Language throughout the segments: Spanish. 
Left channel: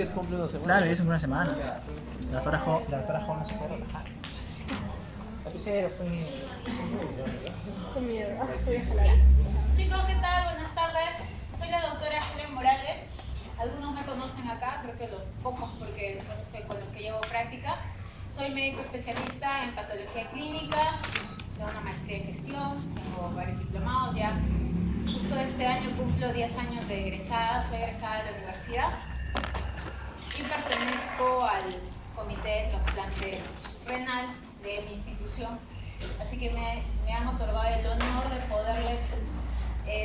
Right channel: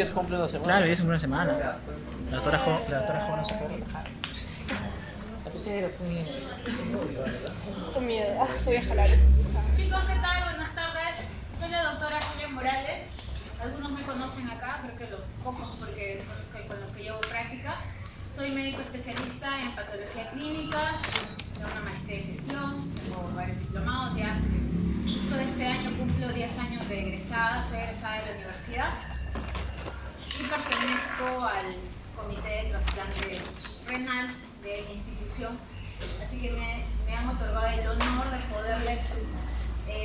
ya se cumple una semana. Claro, ya es una semana. La doctora Jo no se puede relajar. Lapicero, pues. Qué miedo. Voy a jalar eso. Chicos, ¿qué tal? Buenas tardes. Soy la doctora Julia Morales. Algunos me conocen acá, creo que los pocos porque son los que, con los que llevo práctica. Soy médico especialista en patología clínica, tengo una maestría en gestión, tengo varios diplomados ya. Justo este año cumplo 10 años de egresada, soy egresada de la universidad y pertenezco al comité de trasplante renal de mi institución. Así que me han otorgado el honor de poderles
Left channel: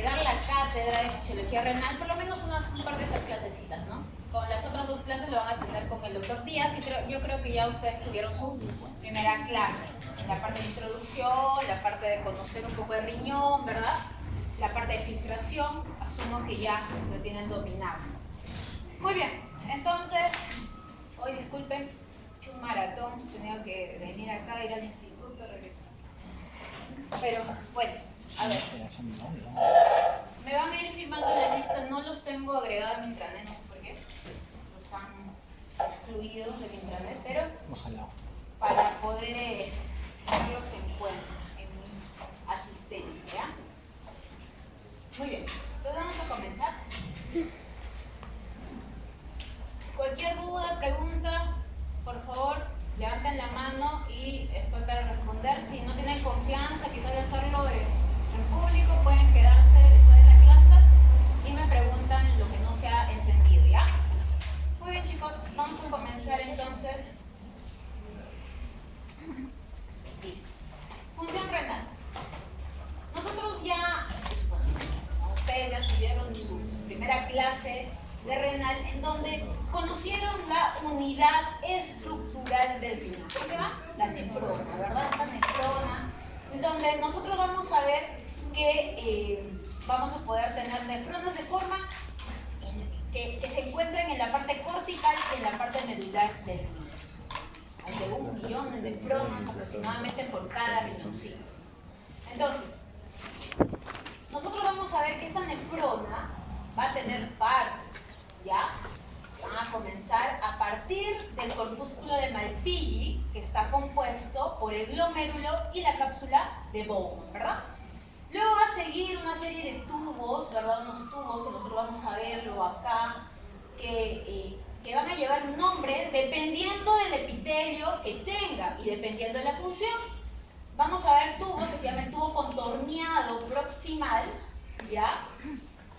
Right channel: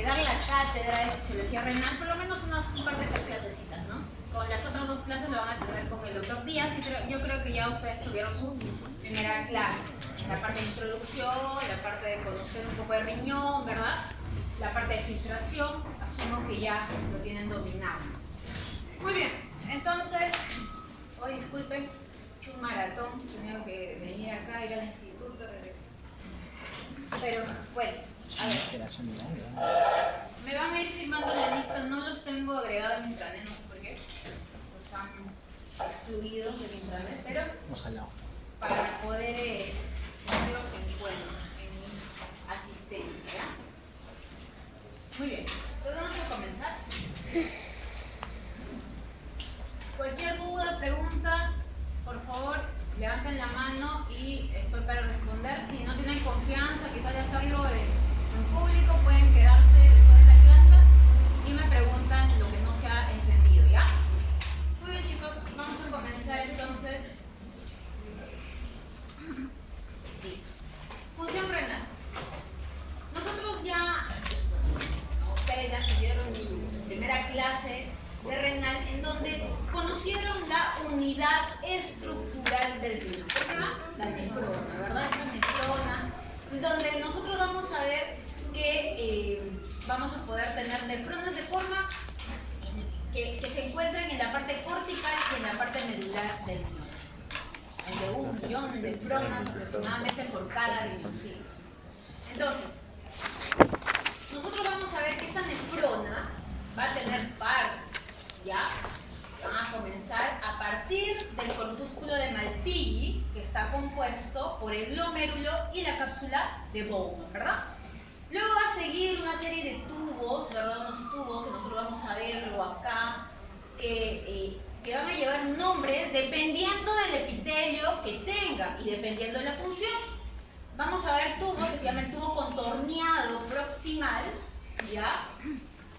dar la cátedra de fisiología renal, por lo menos un par de esas clasecitas, ¿no? Con las otras dos clases lo van a tener con el doctor Díaz, que yo creo que ya ustedes tuvieron su primera clase. La parte de introducción, la parte de conocer un poco de riñón, ¿verdad? La parte de filtración, asumo que ya lo tienen dominado. Muy bien, entonces, hoy disculpen, he hecho un maratón, he tenido que venir acá, ir al instituto, regresar. Pero bueno, a ver. Me van a ir firmando la lista, no los tengo agregados en intranet, no sé por qué. Los han excluido del intranet, pero Ojalá. para poder tenerlos en cuenta en mi asistencia. Muy bien, entonces vamos a comenzar. Cualquier duda, pregunta, por favor, levanten la mano y estoy para responder. Si no tienen confianza, quizás de hacerlo en público, pueden quedarse después de la clase y me preguntan lo que no se ha entendido, ¿ya? Muy bien, chicos, vamos a comenzar entonces. Listo. Función renal. Nosotros ya, ustedes ya tuvieron su primera clase de renal en donde conocieron la unidad estructural del riñón. ¿Cómo se llama? La nefrona, ¿verdad? Esta nefrona, donde nosotros vamos a ver que vamos a poder tener nefronas de forma que se encuentran en la parte cortical y en la parte medular del riñón. De 1 millón de nefronas aproximadamente por cada riñoncito. Entonces, nosotros vamos a ver que esta nefrona va a tener partes, ¿ya? Van a comenzar a partir del corpúsculo de Malpighi, que está compuesto por el glomérulo y la cápsula de Bowman, ¿verdad? Luego va a seguir una serie de tubos, ¿verdad? Unos tubos que nosotros vamos a verlo acá, que van a llevar nombres dependiendo del epitelio que tenga y dependiendo de la función. Vamos a ver tubos que se llaman tubo contorneado proximal, ¿ya?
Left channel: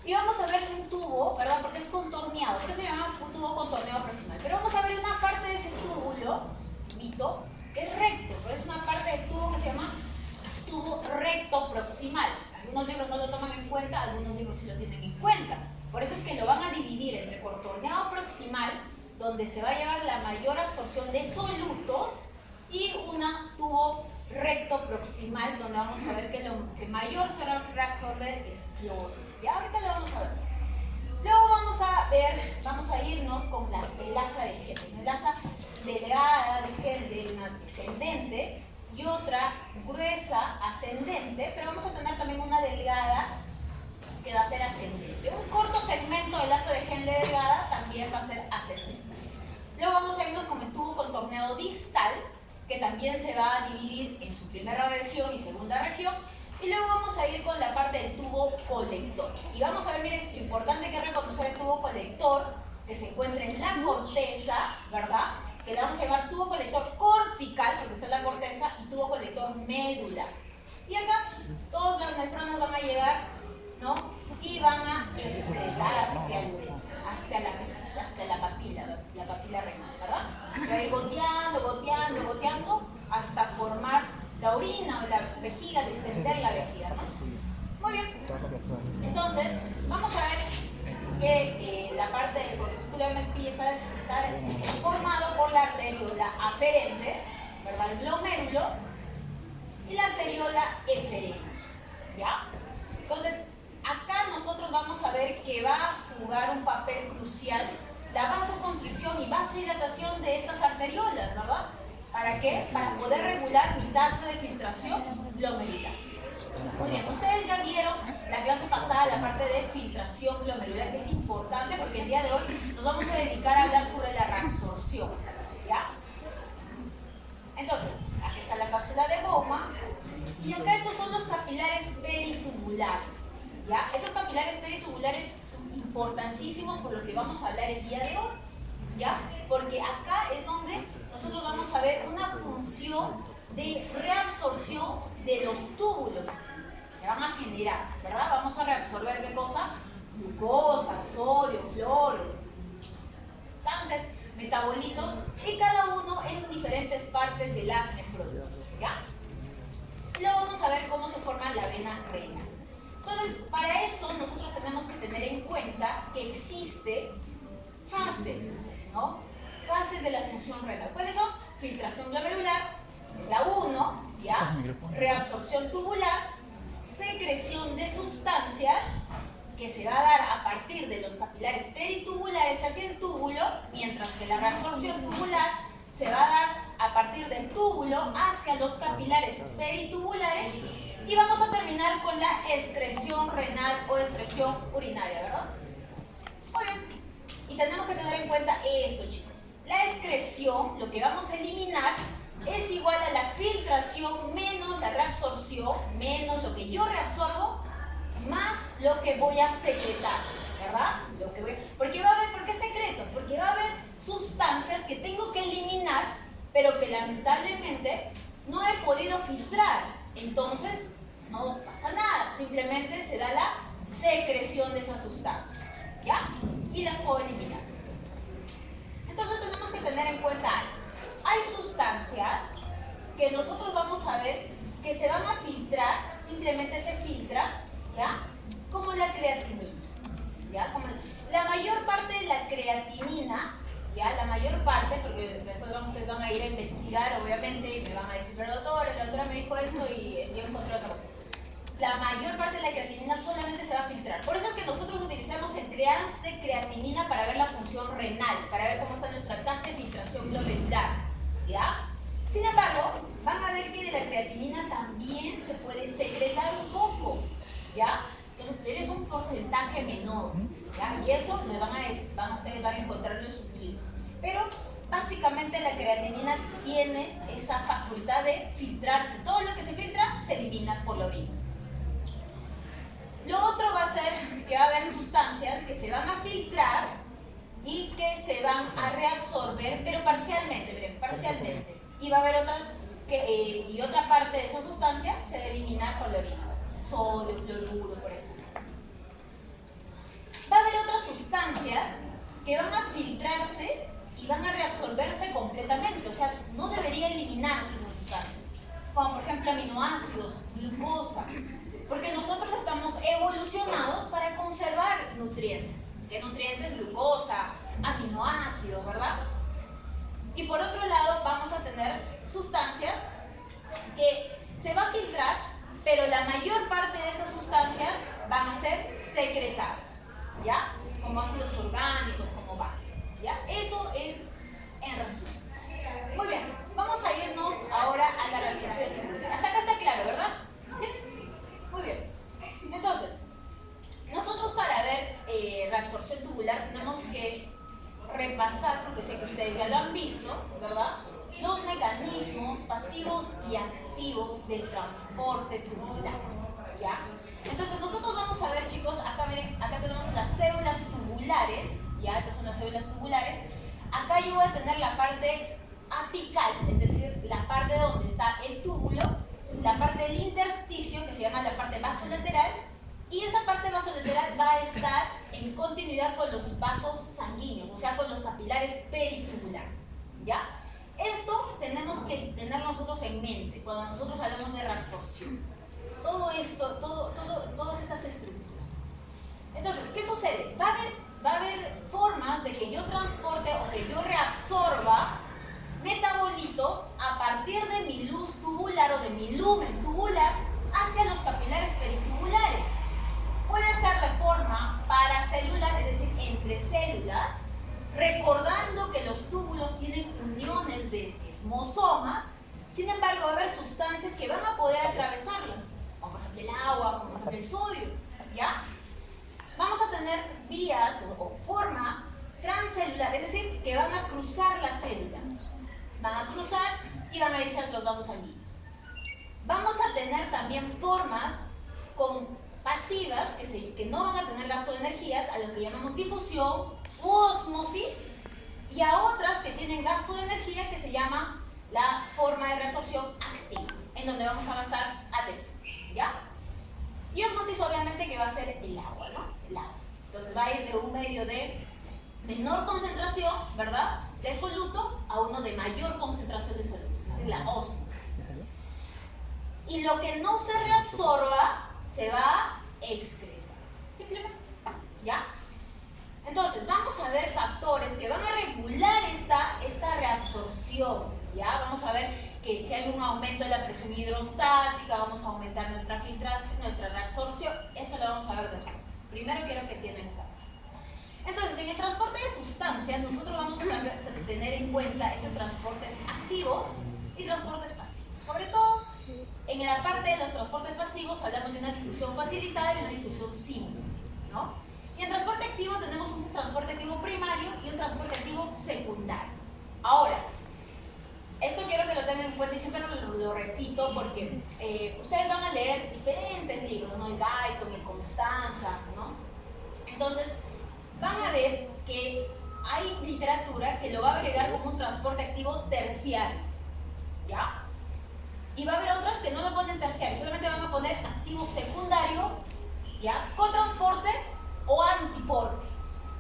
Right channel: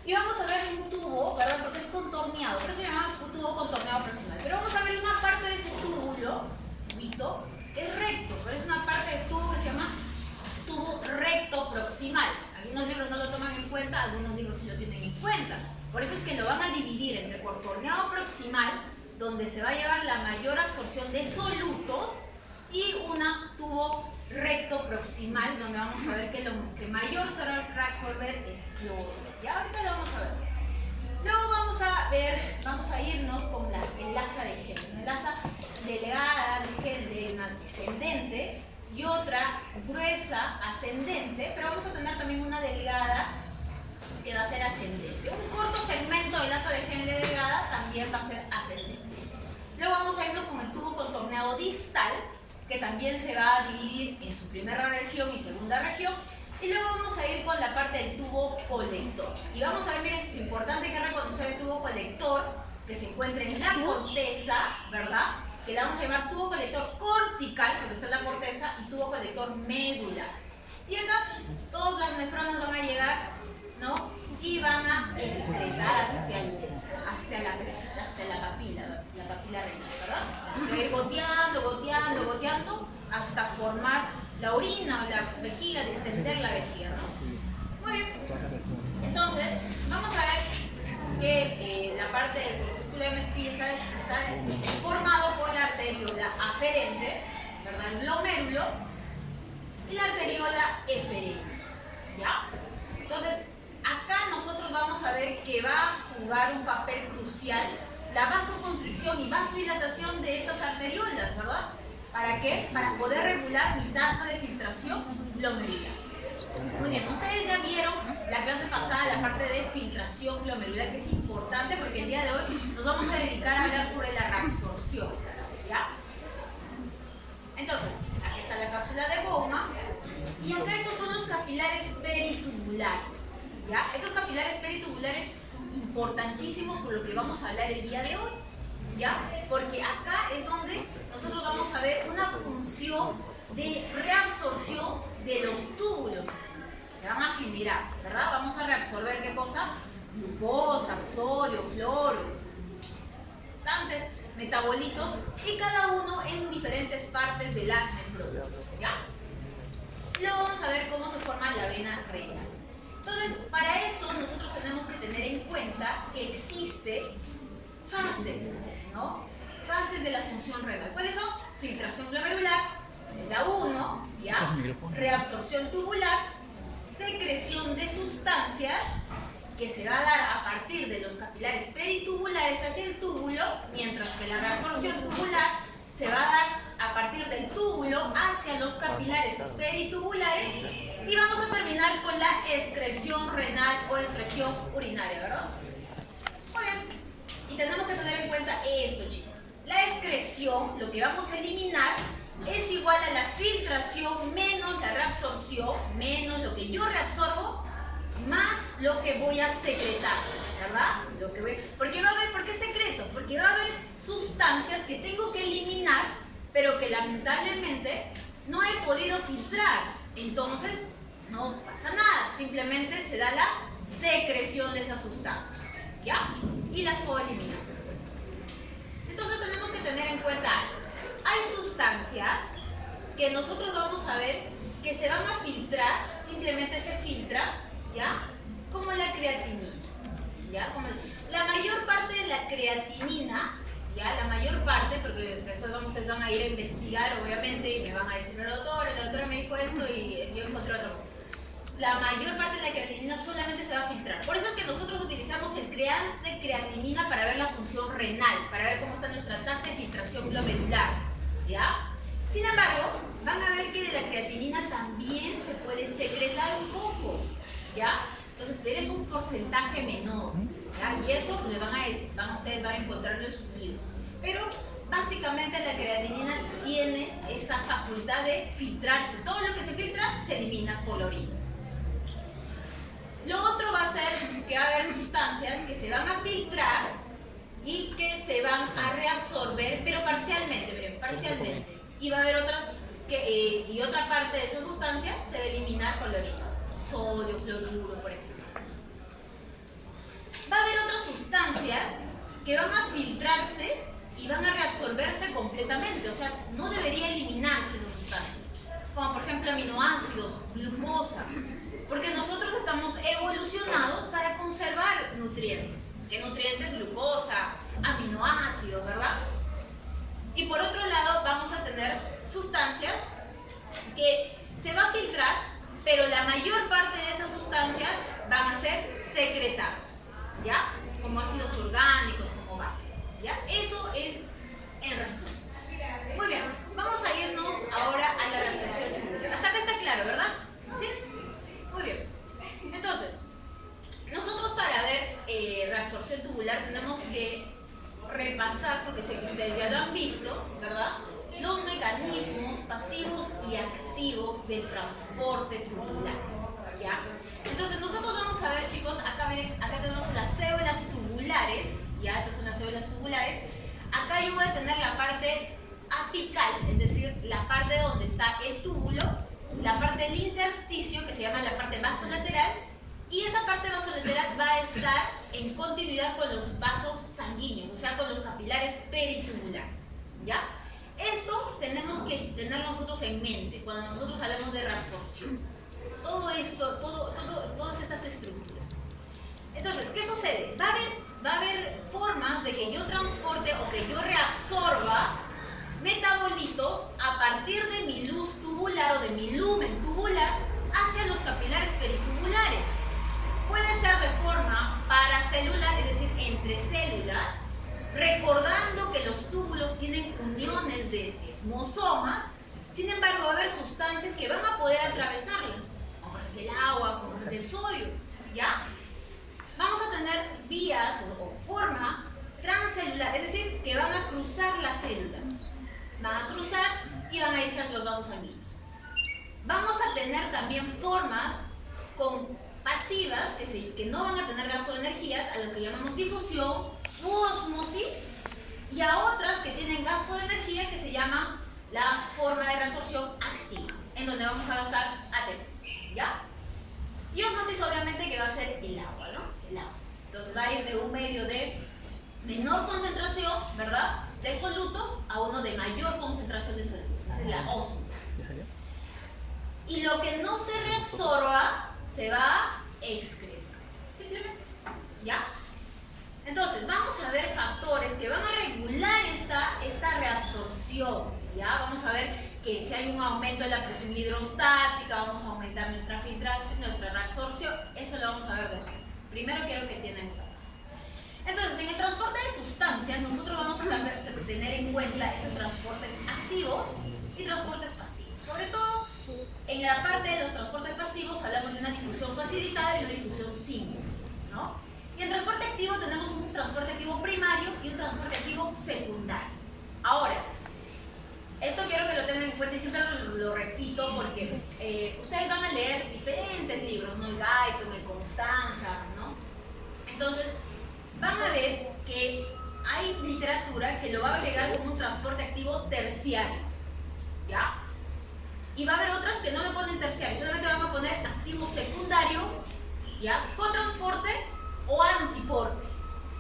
Y vamos a ver un tubo, ¿verdad? Porque es contorneado, por eso se llama un tubo contorneado proximal. Pero vamos a ver una parte de ese túbulo, que es recto, pero es una parte del tubo que se llama tubo recto proximal. Algunos libros no lo toman en cuenta, algunos libros sí lo tienen en cuenta. Por eso es que lo van a dividir entre contorneado proximal, donde se va a llevar la mayor absorción de solutos, y una tubo recto proximal, donde vamos a ver que lo que mayor se va a absorber es cloro. Ya ahorita lo vamos a ver. Luego vamos a irnos con la velaza de gel. Una velaza delgada de gel de una descendente y otra gruesa ascendente, pero vamos a tener también una delgada que va a ser ascendente. Un corto segmento de velaza de gel delgada también va a ser ascendente. Luego vamos a irnos con el tubo contorneado distal, que también se va a dividir en su primera región y segunda región. Y luego vamos a ir con la parte del tubo colector. Y vamos a ver, miren, lo importante que es reconocer el tubo colector, que se encuentra en la corteza, ¿verdad? Que le vamos a llevar tubo colector cortical, porque está en la corteza, y tubo colector medular. Y acá, todas las nefronas van a llegar, ¿no? Y van a dar hacia la papila renal, ¿verdad? Va a ir goteando, hasta formar la orina o la vejiga, distender la vejiga, ¿no? Muy bien. Entonces, vamos a ver que la parte del corpúsculo de Malpighi está formado por la arteriola aferente, ¿verdad? El glomérulo, y la arteriola eferente, ¿ya? Entonces, acá nosotros vamos a ver que va a jugar un papel crucial la vasoconstricción y vasodilatación de estas arteriolas, ¿verdad? ¿Para qué? Para poder regular mi tasa de filtración glomerular. Muy bien, ustedes ya vieron la clase pasada la parte de filtración glomerular, que es importante porque el día de hoy nos vamos a dedicar a hablar reabsorción, ¿ya? Entonces, aquí está la cápsula de Bowman y acá estos son los capilares peritubulares, ¿ya? Estos capilares peritubulares son importantísimos por lo que vamos a hablar el día de hoy, ¿ya? Porque acá es donde nosotros vamos a ver una función de reabsorción de los túbulos que se van a generar, ¿verdad? Vamos a reabsorber ¿qué cosa? Glucosa, sodio, cloro, bastantes metabolitos y cada uno en diferentes partes de la nefrona, ¿ya? Luego vamos a ver cómo se forma la vena renal. Entonces, para eso nosotros tenemos que tener en cuenta que existe fases, ¿no? Fases de la función renal. ¿Cuáles son? Filtración glomerular, es la 1, ¿ya? Reabsorción tubular, secreción de sustancias que se va a dar a partir de los capilares peritubulares hacia el túbulo, mientras que la reabsorción tubular se va a dar a partir del túbulo hacia los capilares peritubulares y vamos a terminar con la excreción renal o excreción urinaria, ¿verdad? Muy bien. Y tenemos que tener en cuenta esto, chicos. La excreción, lo que vamos a eliminar, es igual a la filtración menos la reabsorción, menos lo que yo reabsorbo, más lo que voy a secretar, ¿verdad? Porque va a haber, ¿por qué secreto? Porque va a haber sustancias que tengo que eliminar, pero que lamentablemente no he podido filtrar. Entonces, no pasa nada, simplemente se da la secreción de esas sustancias, ¿ya? Y las puedo eliminar. Entonces tenemos que tener en cuenta algo. Hay sustancias que nosotros vamos a ver que se van a filtrar, simplemente se filtra, ¿ya? Como la creatinina, ¿ya? Como la mayor parte de la creatinina, ¿ya? La mayor parte, porque después ustedes van a ir a investigar, obviamente, y me van a decir, la doctora me dijo esto y yo encontré otra cosa. La mayor parte de la creatinina solamente se va a filtrar. Por eso es que nosotros utilizamos el CREANS de creatinina para ver la función renal, para ver cómo está nuestra tasa de filtración glomerular, ¿ya? Sin embargo, van a ver que de la creatinina también se puede secretar un poco, ¿ya? Entonces, pero es un porcentaje menor, ¿ya? Y eso ustedes van a encontrarlo en sus libros. Pero básicamente la creatinina tiene esa facultad de filtrarse. Todo lo que se filtra se elimina por la orina. Lo otro va a ser que va a haber sustancias que se van a filtrar y que se van a reabsorber, pero parcialmente, miren, parcialmente. Y va a haber otras y otra parte de esa sustancia se va a eliminar por la orina. Sodio, cloruro, por ejemplo. Va a haber otras sustancias que van a filtrarse y van a reabsorberse completamente, o sea, no debería eliminarse esas sustancias, como por ejemplo aminoácidos, glucosa, porque nosotros estamos evolucionados para conservar nutrientes. ¿Qué nutrientes? Glucosa, aminoácidos, ¿verdad? Y por otro lado vamos a tener sustancias que se va a filtrar, pero la mayor parte de esas sustancias van a ser secretadas, ¿ya? Como ácidos orgánicos, como bases, ¿ya? Eso es en resumen. Muy bien, vamos a irnos ahora a la reabsorción tubular. Hasta acá está claro, ¿verdad? ¿Sí? Muy bien. Entonces, nosotros para ver reabsorción tubular tenemos que repasar, porque sé que ustedes ya lo han visto, ¿verdad? Los mecanismos pasivos y activos del transporte tubular, ¿ya? Entonces nosotros vamos a ver, chicos, acá tenemos las células tubulares, ¿ya? Estas son las células tubulares. Acá yo voy a tener la parte apical, es decir, la parte donde está el túbulo, la parte del intersticio, que se llama la parte vasolateral, y esa parte vasolateral va a estar en continuidad con los vasos sanguíneos, o sea, con los capilares peritubulares, ¿ya? Esto tenemos que tener nosotros en mente cuando nosotros hablamos de reabsorción. Todo esto, todas estas estructuras. Entonces, ¿qué sucede? Va a haber formas de que yo transporte o que yo reabsorba metabolitos a partir de mi luz tubular o de mi lumen tubular hacia los capilares peritubulares. Puede ser de forma paracelular, es decir, entre células, recordando que los túbulos tienen uniones de esmosomas. Sin embargo, va a haber sustancias que van a poder atravesarlas, como por ejemplo el agua, como por ejemplo el sodio, ¿ya? Vamos a tener vías o forma transcelular, es decir, que van a cruzar las célula. Van a cruzar y van a irse hacia los vasos sanguíneos. Vamos a tener también formas pasivas que no van a tener gasto de energías, a lo que llamamos difusión u osmosis, y a otras que tienen gasto de energía, que se llama la forma de reabsorción activa, en donde vamos a gastar ATP, ¿ya? Y osmosis obviamente que va a ser el agua, ¿no? El agua. Entonces va a ir de un medio de menor concentración, ¿verdad?, de solutos a uno de mayor concentración de solutos. Esa es la osmosis. ¿Ya salió? Y lo que no se reabsorba se va a excretar. Simplemente, ¿ya? Entonces, vamos a ver factores que van a regular esta reabsorción, ¿ya? Vamos a ver que si hay un aumento de la presión hidrostática, vamos a aumentar nuestra filtración, nuestra reabsorción. Eso lo vamos a ver después. Primero quiero que entiendan esta. Entonces, en el transporte de sustancias, nosotros vamos a tener en cuenta estos transportes activos y transportes pasivos. Sobre todo, en la parte de los transportes pasivos hablamos de una difusión facilitada y una difusión simple, ¿no? Y en transporte activo tenemos un transporte activo primario y un transporte activo secundario. Ahora, esto quiero que lo tengan en cuenta y siempre lo repito porque ustedes van a leer diferentes libros, ¿no? El Guyton, el Constanza, ¿no? Entonces, van a ver que hay literatura que lo va a agregar como un transporte activo terciario, ¿ya? Y va a haber otras que no lo ponen terciario, solamente van a poner activo secundario, ¿ya?, con transporte o antiporte,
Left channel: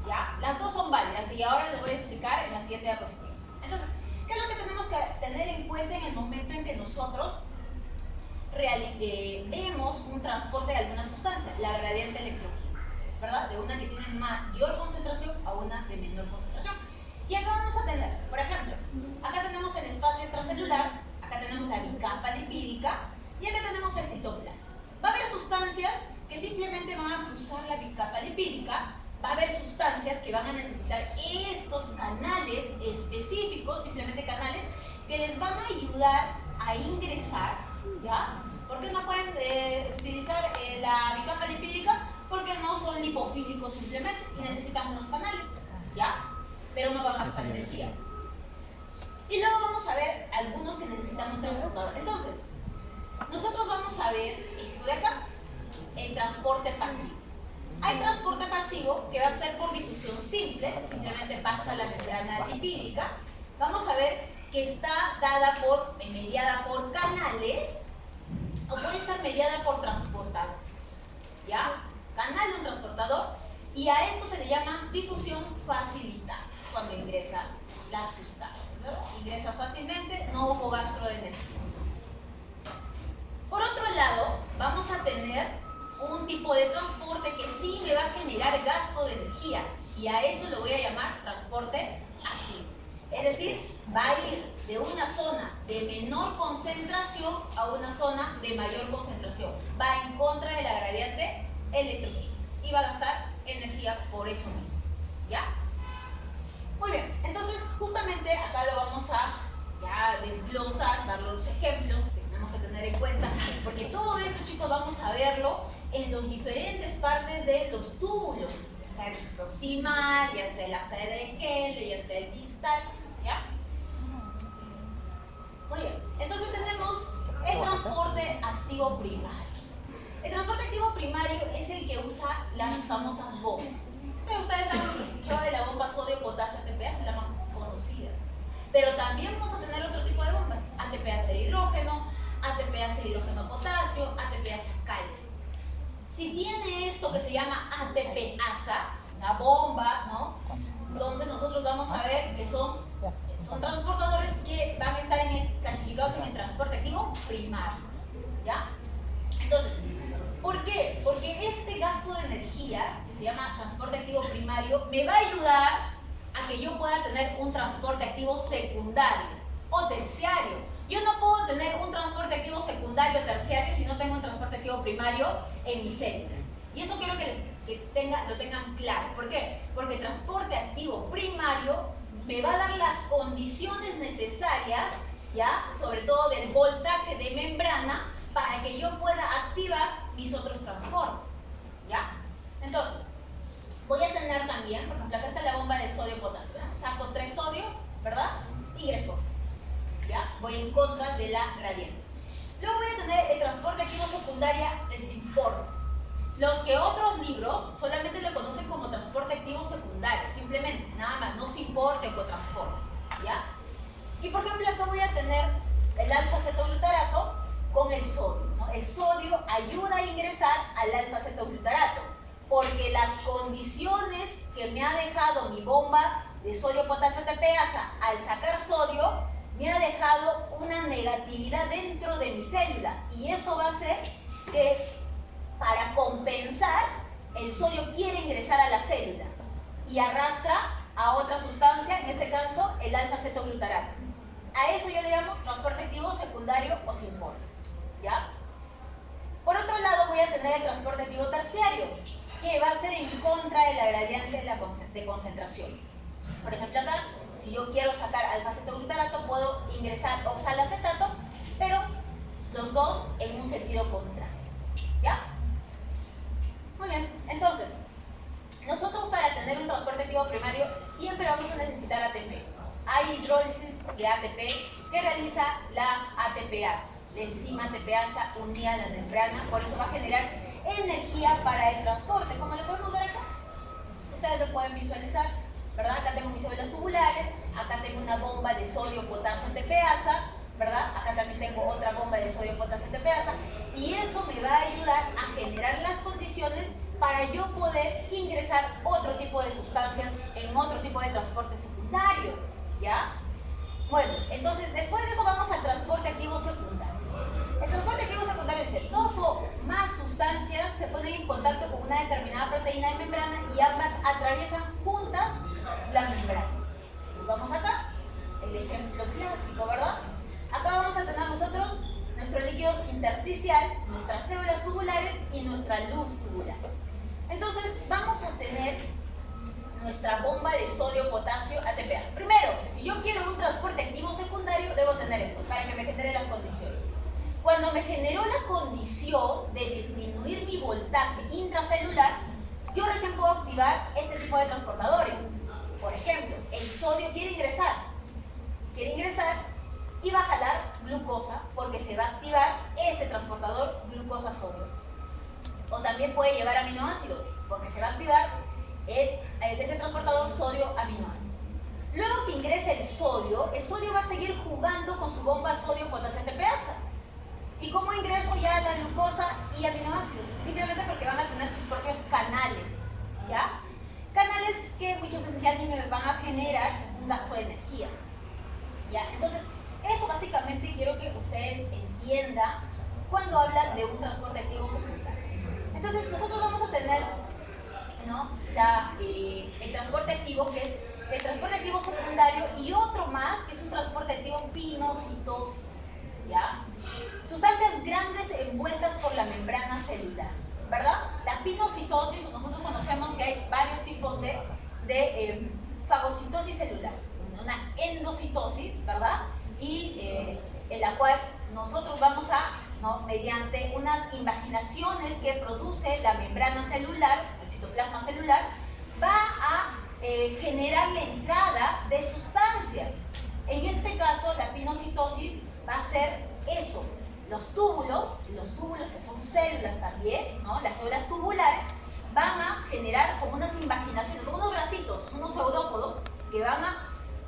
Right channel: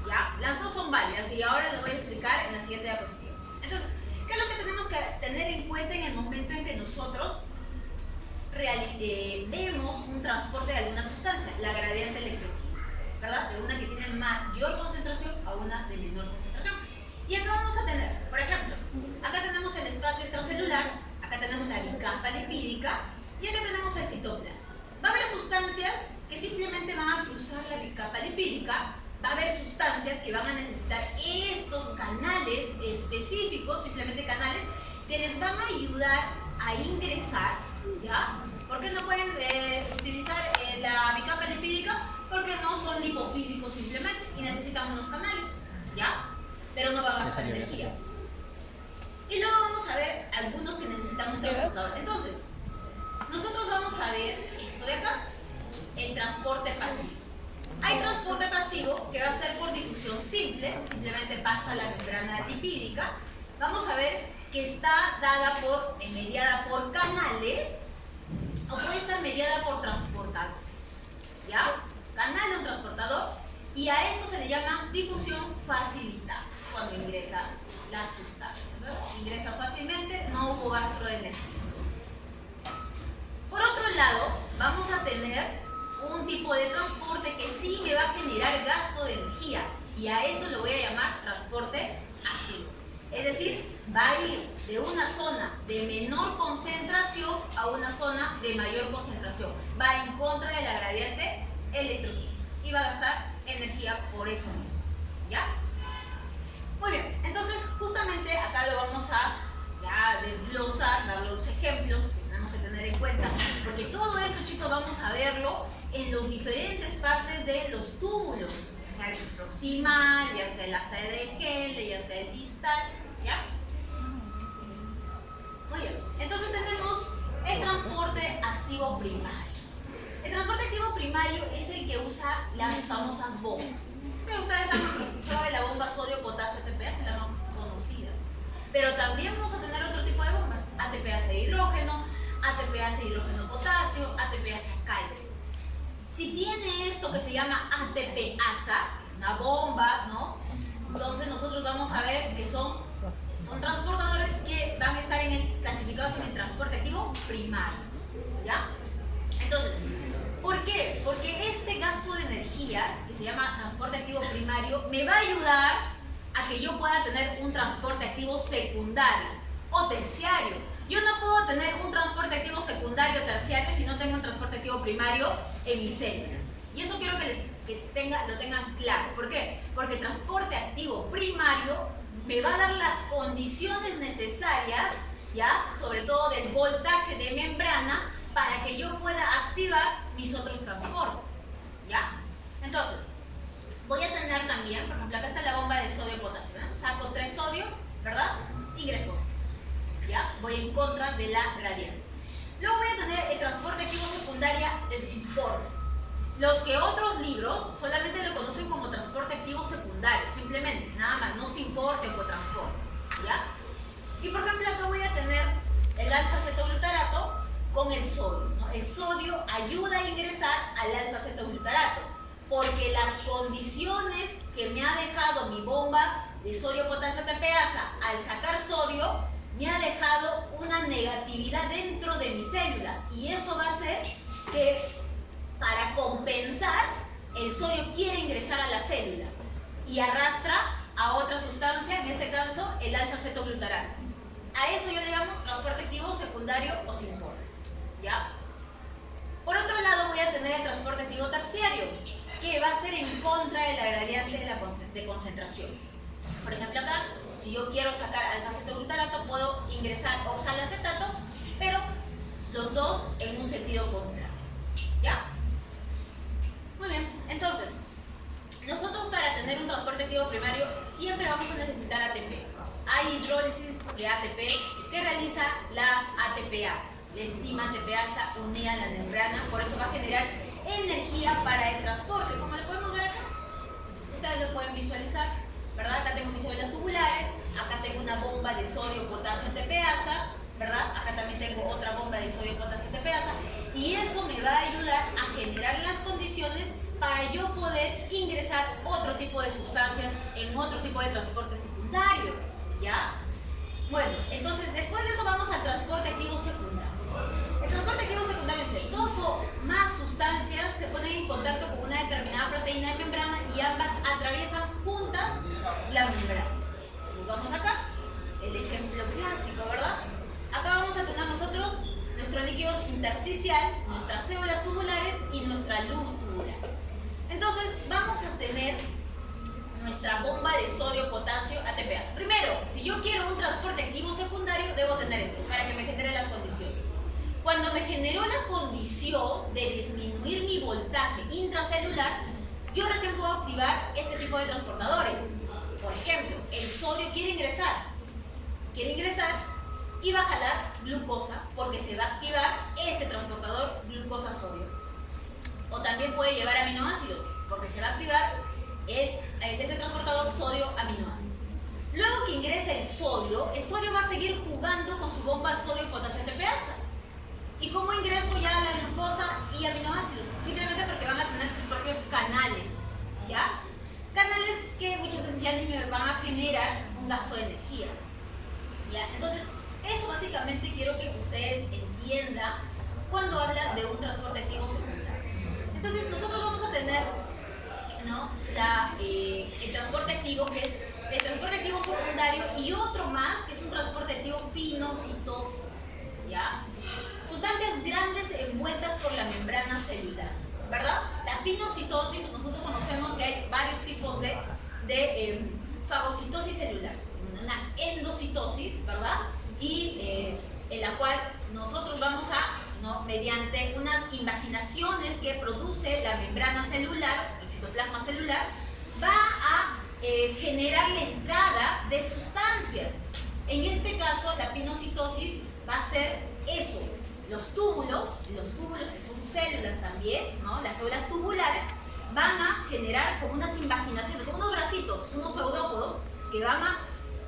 ¿ya? Las dos son válidas y ahora les voy a explicar en la siguiente diapositiva. Entonces, ¿qué es lo que tenemos que tener en cuenta en el momento en que nosotros vemos un transporte de alguna sustancia? La gradiente electroquímica, ¿verdad? De una que tiene mayor concentración a una de menor concentración. Y acá vamos a tener, por ejemplo, acá tenemos el espacio extracelular, acá tenemos la bicapa lipídica y acá tenemos el citoplasma. Va a haber sustancias que simplemente van a cruzar la bicapa lipídica, va a haber sustancias que van a necesitar estos canales específicos, simplemente canales, que les van a ayudar a ingresar, ¿ya? ¿Por qué no pueden utilizar la bicapa lipídica? Porque no son lipofílicos simplemente y necesitan unos canales, ¿ya? Pero no van a gastar energía. Y luego vamos a ver algunos que necesitamos transportador. Entonces, nosotros vamos a ver esto de acá, el transporte pasivo. Hay transporte pasivo que va a ser por difusión simple, simplemente pasa la membrana lipídica. Vamos a ver que está mediada por canales o puede estar mediada por transportadores, ¿ya? Canal de un transportador, y a esto se le llama difusión facilitada cuando ingresa la sustancia, ¿verdad? Ingresa fácilmente, no hubo gasto de energía. Por otro lado, vamos a tener un tipo de transporte que sí me va a generar gasto de energía, y a eso lo voy a llamar transporte activo. Es decir, va a ir de una zona de menor concentración a una zona de mayor concentración. Va en contra de la gradiente electroquímica y va a gastar energía por eso mismo, ¿ya? Muy bien, entonces justamente acá lo vamos a ya desglosar, darle los ejemplos que tenemos que tener en cuenta, porque todo esto, chicos, vamos a verlo en las diferentes partes de los túbulos, ya sea el proximal, ya sea la sede de Henle, ya sea el distal, ¿ya? Muy bien, entonces tenemos el transporte activo primario. El transporte activo primario es el que usa las famosas bombas. Sí, ustedes han escuchado de la bomba sodio-potasio ATPase, la más conocida. Pero también vamos a tener otro tipo de bombas: ATPase de hidrógeno, ATPase hidrógeno-potasio, ATPase calcio. Si tiene esto que se llama ATPasa, una bomba, ¿no? Entonces nosotros vamos a ver que son transportadores que van a estar clasificados en el transporte activo primario, ¿ya? Entonces, ¿por qué? Porque este gasto de energía, que se llama transporte activo primario, me va a ayudar a que yo pueda tener un transporte activo secundario o terciario. Yo no puedo tener un transporte activo secundario o terciario si no tengo un transporte activo primario en mi célula. Y eso quiero que lo tengan claro. ¿Por qué? Porque el transporte activo primario me va a dar las condiciones necesarias, ¿ya? Sobre todo del voltaje de membrana, para que yo pueda activar mis otros transportes, ¿ya? Entonces, voy a tener también, por ejemplo, acá está la bomba de sodio-potasio, ¿verdad? Saco 3 sodios, ¿verdad? voy en contra de la gradiente. Luego voy a tener el transporte activo secundaria, el simporte. Los que otros libros solamente lo conocen como transporte activo secundario, simplemente, nada más, no simporte o cotransporte, ¿ya? Y por ejemplo acá voy a tener el alfa-cetoglutarato con el sodio, ¿no? El sodio ayuda a ingresar al alfa-cetoglutarato porque las condiciones que me ha dejado mi bomba de sodio-potasio ATPasa al sacar sodio me ha dejado una negatividad dentro de mi célula y eso va a hacer que para compensar el sodio quiere ingresar a la célula y arrastra a otra sustancia, en este caso el alfa-cetoglutarato. A eso yo le llamo transporte activo secundario o simporte, ¿ya? Por otro lado voy a tener el transporte activo terciario, que va a ser en contra de la gradiente de concentración. Por ejemplo acá, si yo quiero sacar alfa-cetoglutarato, puedo ingresar oxalacetato, pero los dos en un sentido contrario, ¿ya? Muy bien, entonces, nosotros para tener un transporte activo primario siempre vamos a necesitar ATP. Hay hidrólisis de ATP que realiza la ATPasa, la enzima ATPasa unida a la membrana, por eso va a generar energía para el transporte, como lo podemos ver acá. Ustedes lo pueden visualizar, ¿verdad? Acá tengo mis células tubulares, acá tengo una bomba de sodio-potasio ATPasa, ¿verdad? Acá también tengo otra bomba de sodio-potasio ATPasa, y eso me va a ayudar a generar las condiciones para yo poder ingresar otro tipo de sustancias en otro tipo de transporte secundario, ¿ya? Bueno, entonces después de eso vamos al transporte activo secundario. El transporte activo secundario es dos o más sustancias se ponen en contacto con una determinada proteína de membrana y ambas atraviesan juntas la membrana. Nos vamos acá, el ejemplo clásico, ¿verdad? Acá vamos a tener nosotros nuestro líquido intersticial, nuestras células tubulares y nuestra luz tubular. Entonces vamos a tener nuestra bomba de sodio-potasio ATPasa. Primero, si yo quiero un transporte activo secundario, debo tener esto para que me genere las condiciones. Cuando me generó la condición de disminuir mi voltaje intracelular, yo recién puedo activar este tipo de transportadores. Por ejemplo, el sodio quiere ingresar y va a jalar glucosa porque se va a activar este transportador glucosa-sodio. O también puede llevar aminoácidos porque se va a activar este transportador sodio-aminoácido. Luego que ingrese el sodio va a seguir jugando con su bomba sodio-potasio ATPasa. ¿Y cómo ingreso ya la glucosa y aminoácidos? Simplemente porque van a tener sus propios canales, ¿ya? Canales que muchas veces ya ni me van a generar un gasto de energía, ¿ya? Entonces, eso básicamente quiero que ustedes entiendan cuando hablan de un transporte activo secundario. Entonces, nosotros vamos a tener, ¿no? El transporte activo, que es el transporte activo secundario, y otro más, que es un transporte activo pinocitosis, ¿ya? Sustancias grandes envueltas por la membrana celular, ¿verdad? La pinocitosis, nosotros conocemos que hay varios tipos de fagocitosis celular, una endocitosis, ¿verdad? Y en la cual nosotros vamos a, ¿no? mediante unas invaginaciones que produce la membrana celular, el citoplasma celular, va a generar la entrada de sustancias. En este caso, la pinocitosis va a ser eso. Los túbulos que son células también, ¿no? Las células tubulares, van a generar como unas invaginaciones, como unos bracitos, unos pseudópodos, que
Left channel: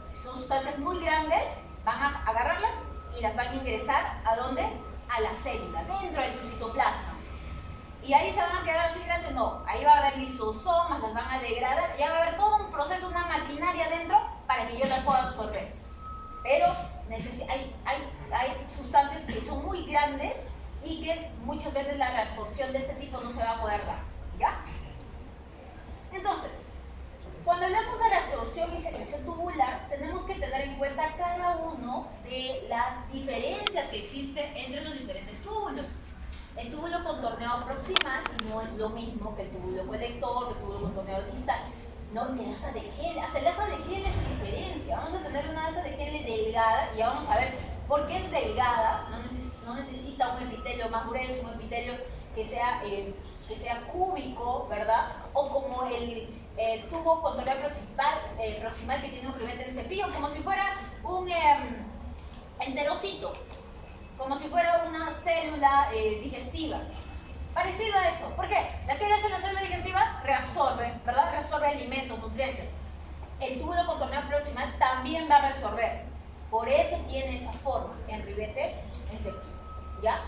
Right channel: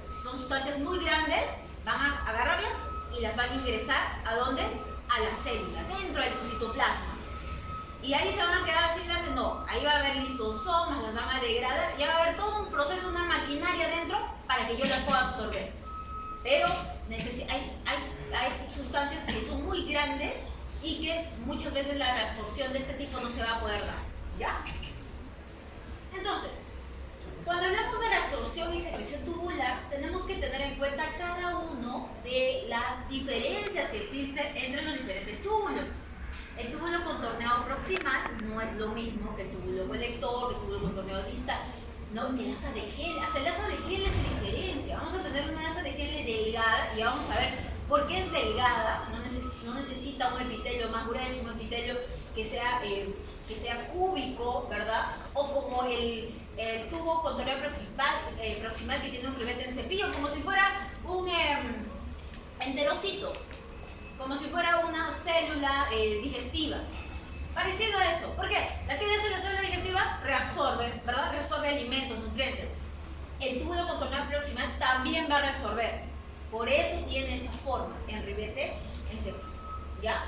son sustancias muy grandes, van a agarrarlas y las van a ingresar ¿a dónde? A la célula, dentro de su citoplasma. Y ahí se van a quedar así grandes, no, ahí va a haber lisosomas, las van a degradar, ya va a haber todo un proceso, una maquinaria dentro para que yo las pueda absorber. Pero hay sustancias que son muy grandes y que muchas veces la reabsorción de este tipo no se va a poder dar, ¿ya? Entonces, cuando hablamos de reabsorción y secreción tubular, tenemos que tener en cuenta cada uno de las diferencias que existen entre los diferentes túbulos. El túbulo contorneado proximal no es lo mismo que el túbulo colector, el túbulo contorneado distal, ¿no? Que el asa de Henle, hasta el asa de Henle se diferencia. Vamos a tener una asa de Henle delgada y vamos a ver por qué es delgada. No necesita un epitelio más grueso, un epitelio que sea cúbico, ¿verdad? O como el tubo contorneado proximal que tiene un ribete en cepillo, como si fuera un enterocito. trocito, como si fuera una célula digestiva. Parecido a eso. ¿Por qué? ¿Qué hace la célula digestiva? Reabsorbe, ¿verdad? Reabsorbe alimentos, nutrientes. El túbulo contorneado proximal también va a reabsorber. Por eso tiene esa forma, en ribete, en seco. ¿Ya?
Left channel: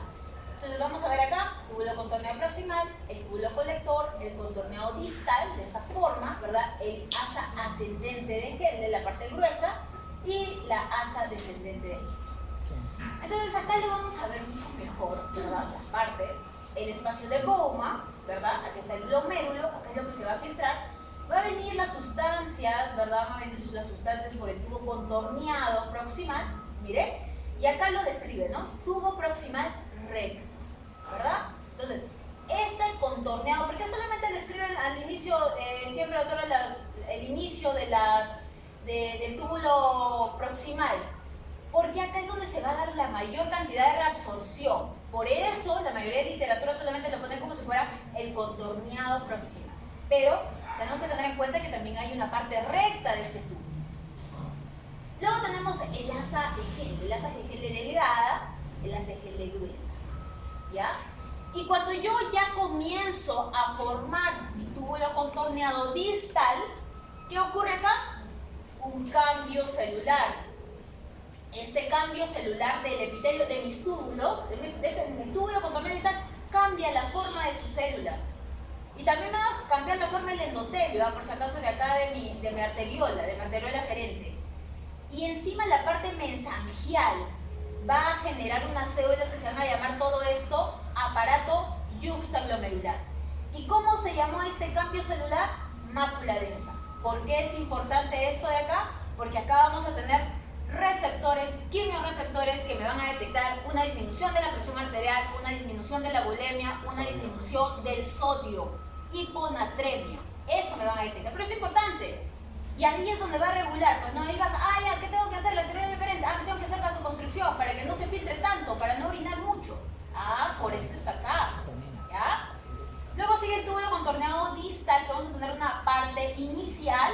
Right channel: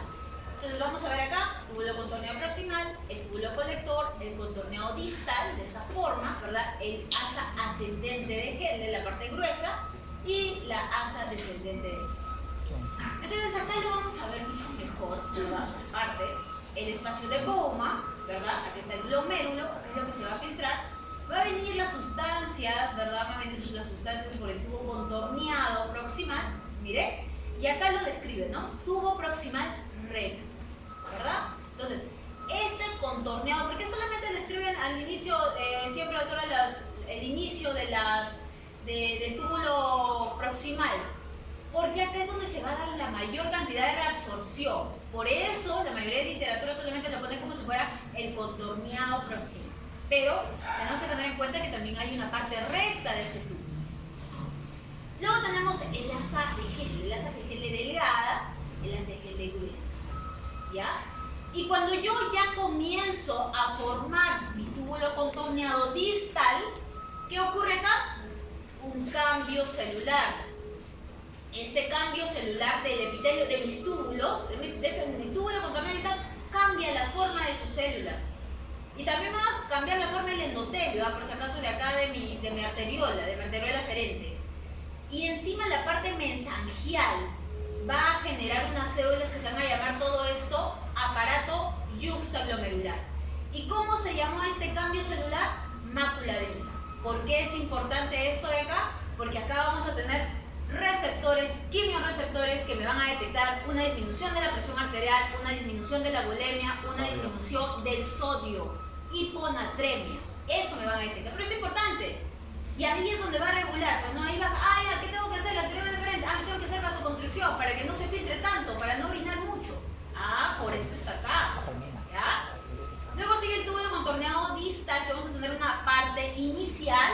Entonces vamos a ver acá, túbulo contorneado proximal, el túbulo colector, el contorneado distal, de esa forma, ¿verdad? El asa ascendente de Henle, la parte gruesa, y la asa descendente de Henle. Entonces acá lo vamos a ver mucho mejor, ¿verdad? Las partes, el espacio de Bowman, ¿verdad? Aquí está el glomérulo, acá es lo que se va a filtrar. Va a venir las sustancias, ¿verdad? Van a venir las sustancias por el tubo contorneado proximal, mire, y acá lo describe, ¿no? Tubo proximal recto, ¿verdad? Entonces, este contorneado, ¿por qué solamente describen al inicio, siempre autora el inicio de del túbulo proximal? Porque acá es donde se va a dar la mayor cantidad de reabsorción. Por eso la mayoría de literatura solamente lo pone como si fuera el contorneado proximal. Pero tenemos que tener en cuenta que también hay una parte recta de este tubo. Luego tenemos el asa de Henle, el asa de Henle delgada, el asa de Henle gruesa. ¿Ya? Y cuando yo ya comienzo a formar mi túbulo contorneado distal, ¿qué ocurre acá? Un cambio celular. Este cambio celular del epitelio de mis túbulos, de mi túbulo contorneado distal, cambia la forma de sus células. Y también va a cambiar la forma del endotelio, por si acaso de acá de mi arteriola, de mi arteriola aferente. Y encima la parte mesangial va a generar unas células que se van a llamar todo esto aparato yuxtaglomerular. ¿Y cómo se llamó este cambio celular? Mácula densa. ¿Por qué es importante esto de acá? Porque acá vamos a tener receptores, quimiorreceptores que me van a detectar una disminución de la presión arterial, una disminución de la bulimia, una disminución del sodio, hiponatremia. Eso me van a detectar, pero es importante. Y ahí es donde va a regular, pues no, ahí va, ya, ¿qué tengo que hacer? La anterior diferente, tengo que hacer vasoconstricción para que no se filtre tanto, para no orinar mucho. Por eso está acá. ¿Ya? Luego sigue el túbulo contorneado distal, que vamos a tener una parte inicial,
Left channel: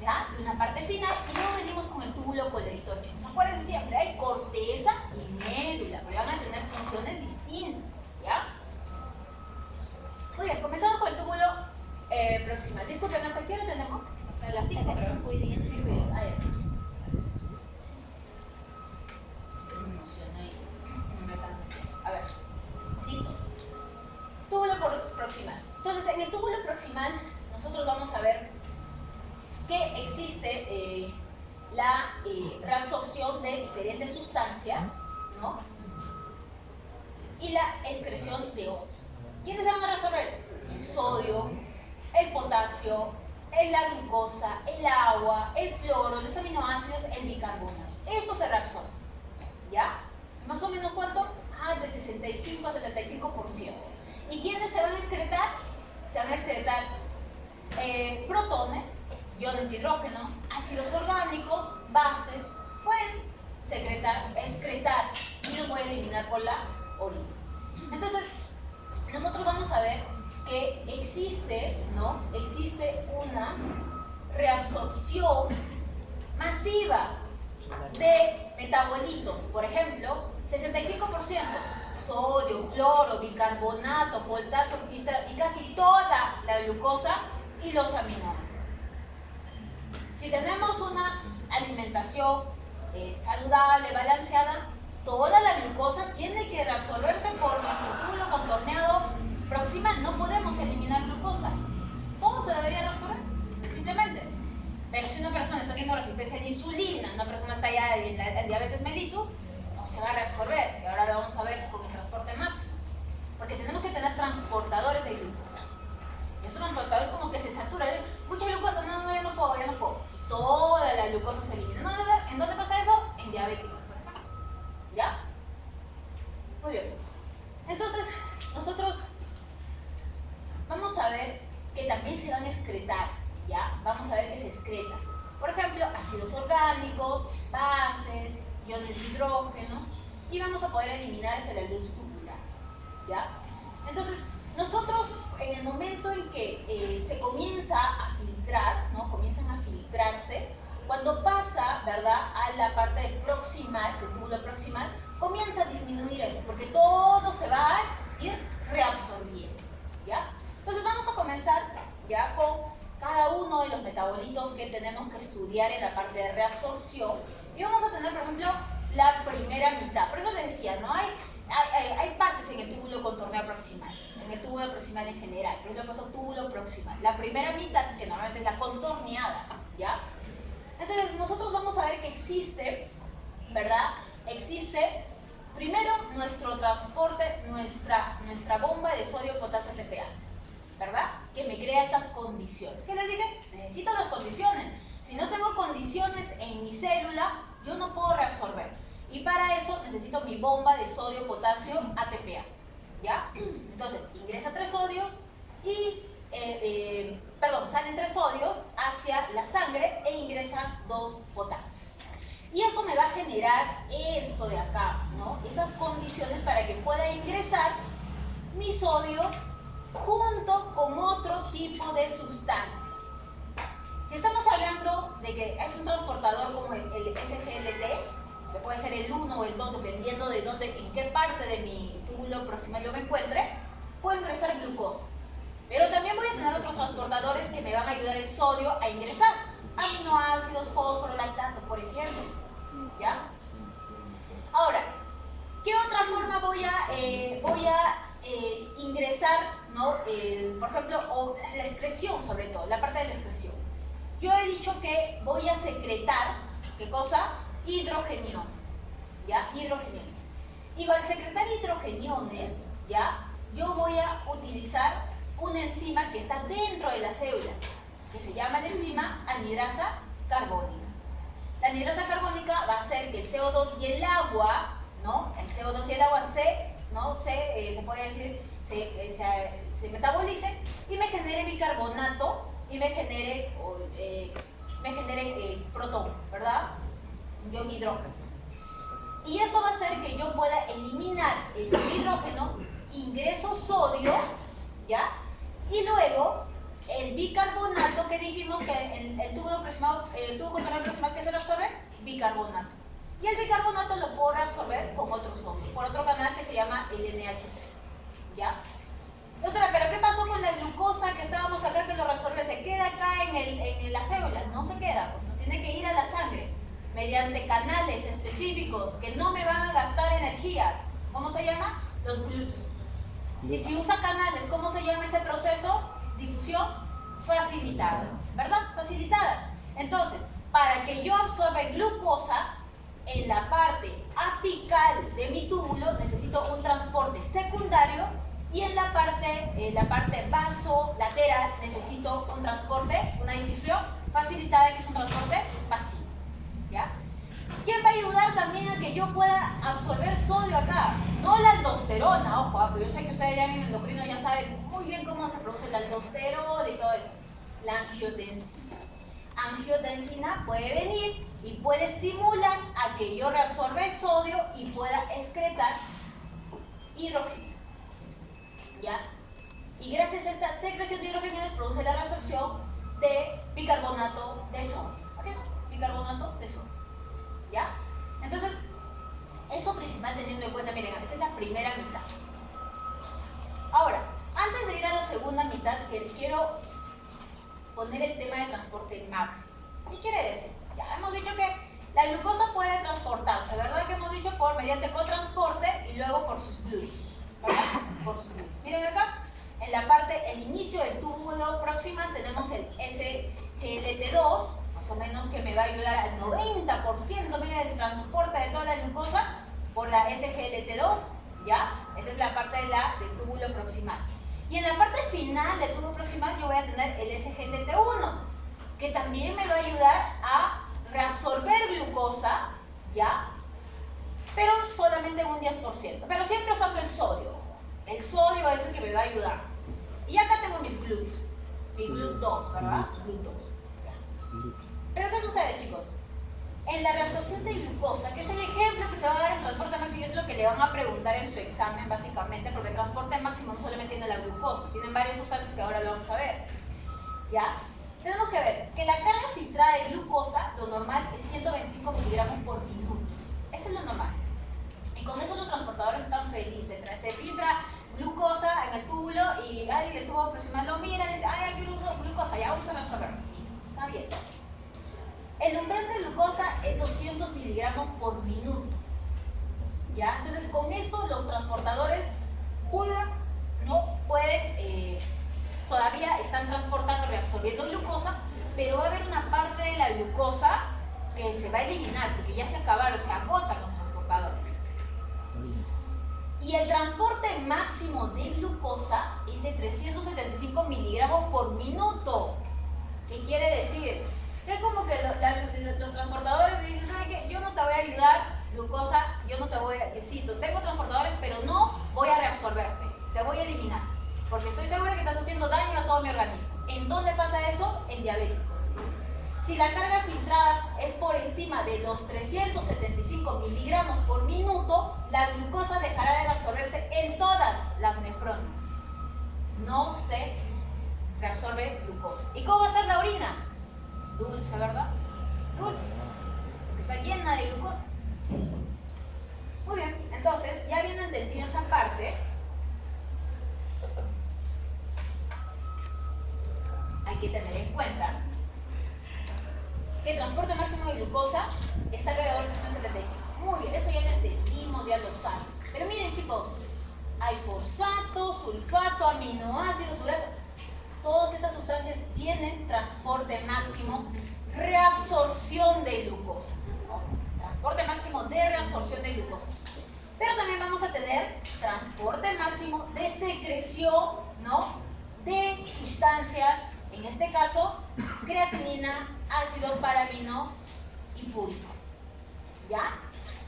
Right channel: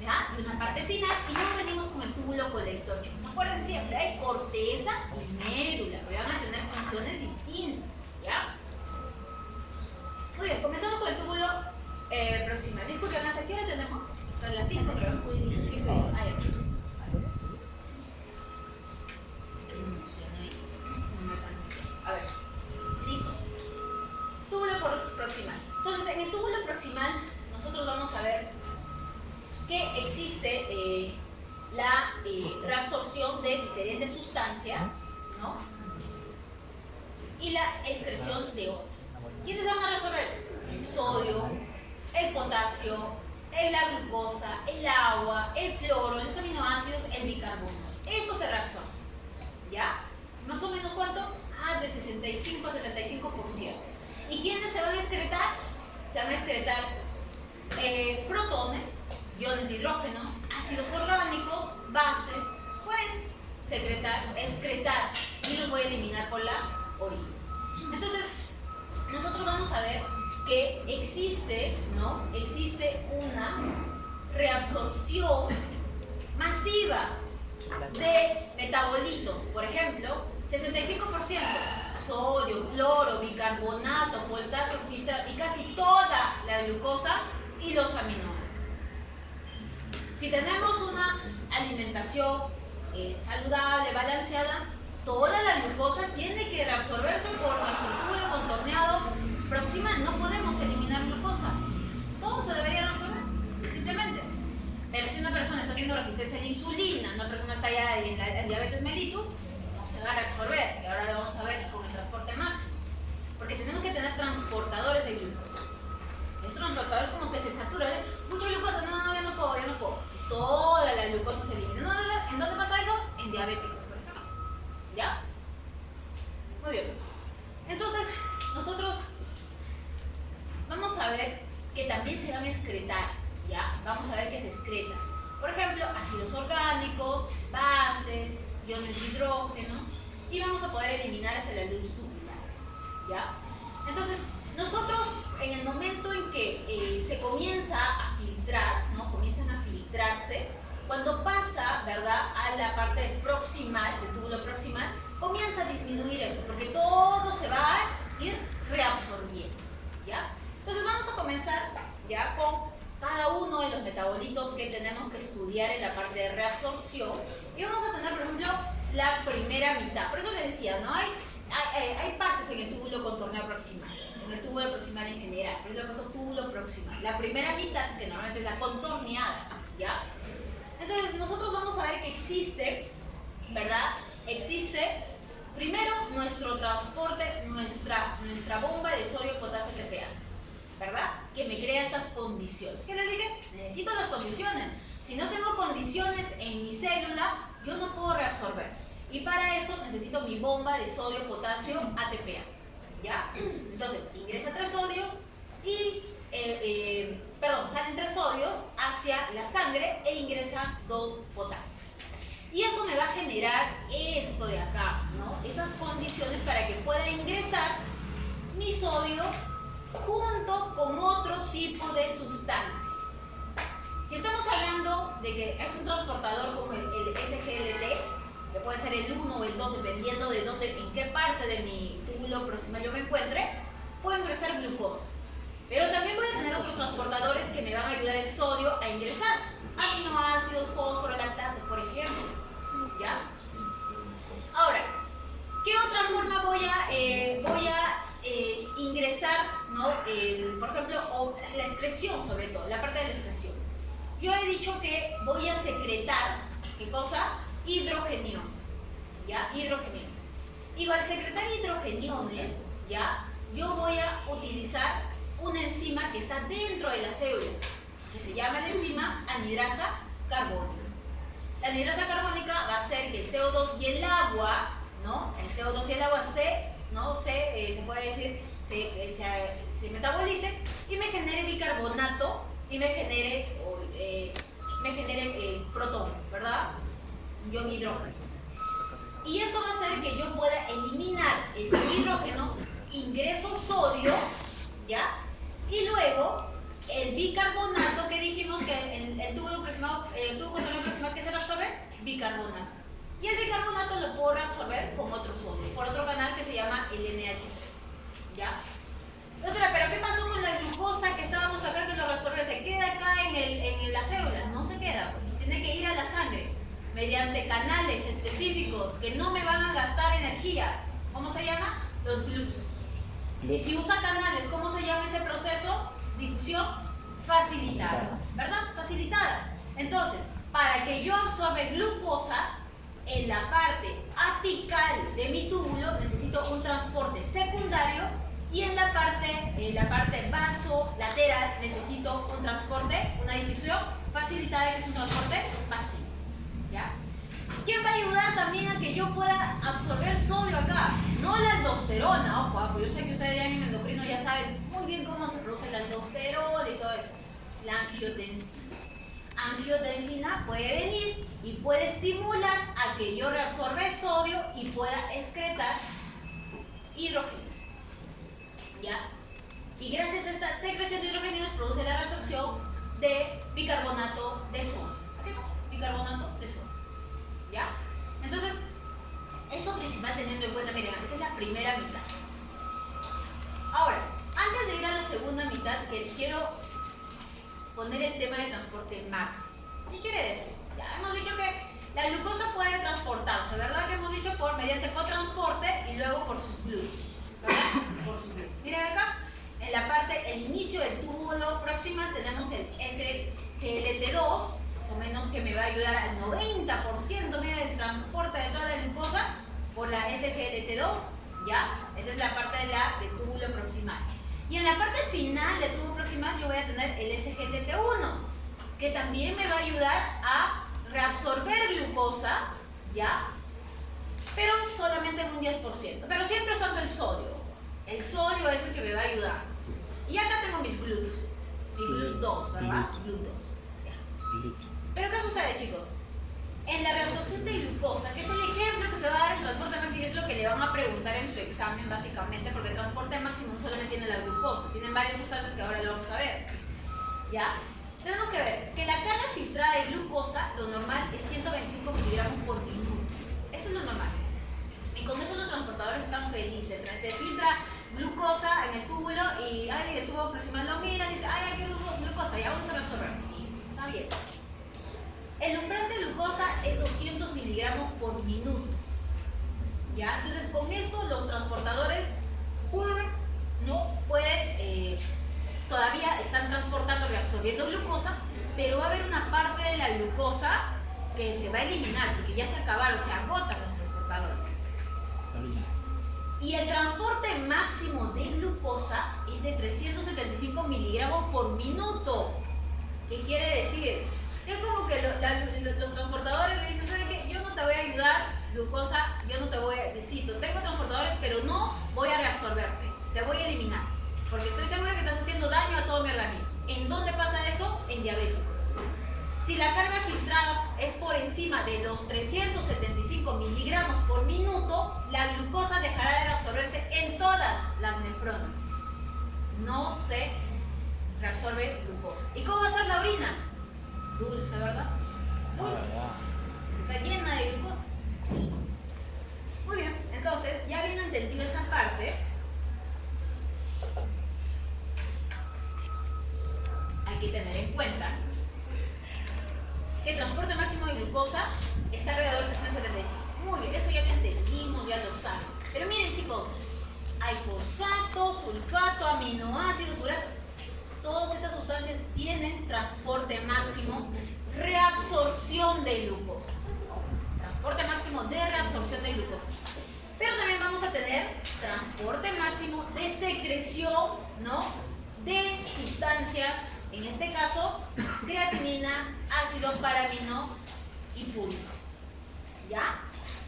¿ya? Y una parte final, y luego venimos con el túbulo colector. Chicos, acuérdense siempre, hay corteza y médula, pero van a tener funciones distintas, ¿ya? Muy bien, comenzamos con el túbulo proximal. Disculpen, ¿hasta qué hora tenemos? Hasta las 5. Hasta las 5 y 10. A ver, listo. Túbulo proximal. Entonces, en el túbulo proximal, nosotros vamos a ver que existe la reabsorción de diferentes sustancias, ¿no? Y la excreción de otras. ¿Quiénes se van a reabsorber? El sodio, el potasio, la glucosa, el agua, el cloro, los aminoácidos, el bicarbonato. Esto se reabsorbe, ¿ya? ¿Más o menos cuánto? De 65 a 75%. ¿Y quiénes se van a excretar? Se van a excretar protones, iones de hidrógeno, ácidos orgánicos, bases, pueden excretar y los voy a eliminar por la orina. Entonces, nosotros vamos a ver que existe, ¿no? Existe una reabsorción masiva de metabolitos, por ejemplo, 65%, sodio, cloro, bicarbonato, potasio, filtrado y casi toda la glucosa y los aminoácidos. Si tenemos una alimentación saludable, balanceada, toda la glucosa tiene que reabsorberse por nuestro túbulo contorneado proximal. No podemos eliminar glucosa. Todo se debería reabsorber, simplemente. Pero si una persona está haciendo resistencia a la insulina, una persona está ya en diabetes mellitus, no se va a reabsorber. Y ahora lo vamos a ver con el transporte máximo. Porque tenemos que tener transportadores de glucosa. Esos transportadores como que se saturan. Mucha glucosa, no, yo no puedo. Toda la glucosa se elimina. ¿En dónde pasa eso? En diabético. ¿Ya? Muy bien. Entonces, nosotros vamos a ver que también se van a excretar, ¿ya? Vamos a ver que se excretan. Por ejemplo, ácidos orgánicos, bases, iones de hidrógeno, y vamos a poder eliminar hacia la luz tubular, ¿ya? Entonces, nosotros en el momento en que se comienza a filtrar, ¿no? Comienzan a filtrarse, cuando pasa, ¿verdad?, a la parte del proximal, del túbulo proximal, reabsorción y vamos a tener, por ejemplo, la primera mitad. Por eso les decía, ¿no? Hay partes en el túbulo contorneo proximal, en el túbulo proximal en general, pero es lo que es túbulo proximal. La primera mitad, que normalmente es la contorneada, ¿ya? Entonces nosotros vamos a ver que existe, ¿verdad? Existe primero nuestro transporte, nuestra bomba de sodio, potasio, TPase, ¿verdad? Que me crea esas condiciones. ¿Qué les dije? Necesito las condiciones. Si no tengo condiciones en mi célula, yo no puedo reabsorber. Y para eso necesito mi bomba de sodio, potasio, ATPase, ¿ya? Entonces, ingresa 3 sodios y, salen 3 sodios hacia la sangre e ingresan 2 potasios. Y eso me va a generar esto de acá, ¿no? Esas condiciones para que pueda ingresar mi sodio junto con otro tipo de sustancia. Si estamos hablando de que es un transportador como el SGLT, que puede ser el 1 o el 2, dependiendo de dónde, en qué parte de mi túbulo proximal yo me encuentre, puedo ingresar glucosa. Pero también voy a tener otros transportadores que me van a ayudar el sodio a ingresar. Aminoácidos, fósforo, lactato, por ejemplo. ¿Ya? Ahora, ¿qué otra forma voy a ingresar, ¿no? Por ejemplo, la excreción, sobre todo, la parte de la excreción. Yo he dicho que voy a secretar, ¿qué cosa? Hidrogeniones, ¿ya? Hidrogeniones. Y al secretar hidrogeniones, ¿ya? Yo voy a utilizar una enzima que está dentro de la célula, que se llama la enzima anhidrasa carbónica. La anhidrasa carbónica va a hacer que el CO2 y el agua, ¿no? El CO2 y el agua se puede decir, se metabolicen y me genere bicarbonato y me genere protón, ¿verdad? Un ion hidrógeno. Y eso va a hacer que yo pueda eliminar el hidrógeno, ingreso sodio, ¿ya? Y luego el bicarbonato que dijimos que el tubo contorneo proximal que se reabsorbe, bicarbonato. Y el bicarbonato lo puedo reabsorber con otro sodio, por otro canal que se llama el NH3, ¿ya? Doctora, ¿pero qué pasó con la glucosa que estábamos acá que lo reabsorbe? ¿Se queda acá en la célula? No se queda, tiene que ir a la sangre mediante canales específicos que no me van a gastar energía. ¿Cómo se llama? Los GLUTs. Y si usa canales, ¿cómo se llama ese proceso? Difusión facilitada, ¿verdad? Facilitada. Entonces, para que yo absorba glucosa en la parte apical de mi túbulo, necesito un transporte secundario y en la parte vasolateral necesito un transporte, una difusión facilitada, que es un transporte pasivo, ¿ya? ¿Quién va a ayudar también a que yo pueda absorber sodio acá? No la aldosterona, ojo, porque yo sé que ustedes ya en endocrino ya saben muy bien cómo se produce la aldosterona y todo eso. La angiotensina. Angiotensina puede venir y puede estimular a que yo reabsorba el sodio y pueda excretar hidrógeno, ¿ya? Y gracias a esta secreción de hidrógeno produce la reabsorción de bicarbonato de sodio. ¿Ok? Bicarbonato de sodio, ¿ya? Entonces, eso principal teniendo en cuenta, miren, esa es la primera mitad. Ahora, antes de ir a la segunda mitad, que quiero poner el tema de transporte máximo. ¿Qué quiere decir? Ya hemos dicho que la glucosa puede transportarse, ¿verdad? Que hemos dicho mediante cotransporte y luego por sus GLUTs, ¿verdad? Por sus GLUTs. Miren acá, en la parte, el inicio del túbulo proximal tenemos el SGLT2, más o menos, que me va a ayudar al 90%, mira, del transporte de toda la glucosa por la SGLT2, ¿ya? Esta es la parte del túbulo proximal. Y en la parte final del túbulo proximal yo voy a tener el SGLT1, que también me va a ayudar a reabsorber glucosa, ¿ya? Pero solamente en un 10%, pero siempre usando el sodio. El sodio es el que me va a ayudar. Y acá tengo mis GLUTs, mi GLUT2, ¿verdad? GLUT2. Pero ¿qué sucede, chicos? En la reabsorción de glucosa, que es el ejemplo que se va a dar en transporte máximo, es lo que le van a preguntar en su examen básicamente, porque el transporte máximo no solamente tiene la glucosa, tienen varias sustancias que ahora lo vamos a ver, ¿ya? Tenemos que ver que la carga filtrada de glucosa, lo normal es 125 miligramos por minuto. Eso es lo normal. Y con eso los transportadores están felices. Se filtra glucosa en el túbulo y el tubo proximal lo mira y dice, ay, hay glucosa, ya vamos a resolver. Listo, está bien. El umbral de glucosa ¿Ya? Entonces, con esto los transportadores todavía están transportando, reabsorbiendo glucosa, pero va a haber una parte de la glucosa que se va a eliminar, porque ya se acabaron, se agotan los transportadores. Y el transporte máximo de glucosa es de 375 miligramos por minuto. ¿Qué quiere decir? Es como que los transportadores le dicen, ¿sabe qué? Yo no te voy a ayudar, glucosa, yo no te voy a... Necesito, tengo transportadores, pero no voy a reabsorberte, te voy a eliminar. Porque estoy segura que estás haciendo daño a todo mi organismo. ¿En dónde pasa eso? En diabéticos. Si la carga filtrada es por encima de los 375 miligramos por minuto, la glucosa dejará de reabsorberse en todas las nefronas. No se reabsorbe glucosa. ¿Y cómo va a ser la orina? Dulce, ¿verdad? Dulce. Está llena de glucosas. Muy bien, entonces, ya habiendo entendido esa parte, hay que tener en cuenta que el transporte máximo de glucosa está alrededor de 175. Muy bien, eso ya lo entendimos, ya lo saben. Pero miren, chicos, hay fosfato, sulfato, aminoácidos, urato. Todas estas sustancias tienen transporte máximo, reabsorción de glucosa. Transporte máximo de reabsorción de glucosa. Pero también vamos a tener transporte máximo de secreción, ¿no?, de sustancias, en este caso, creatinina, ácido paramino y púrico. ¿Ya?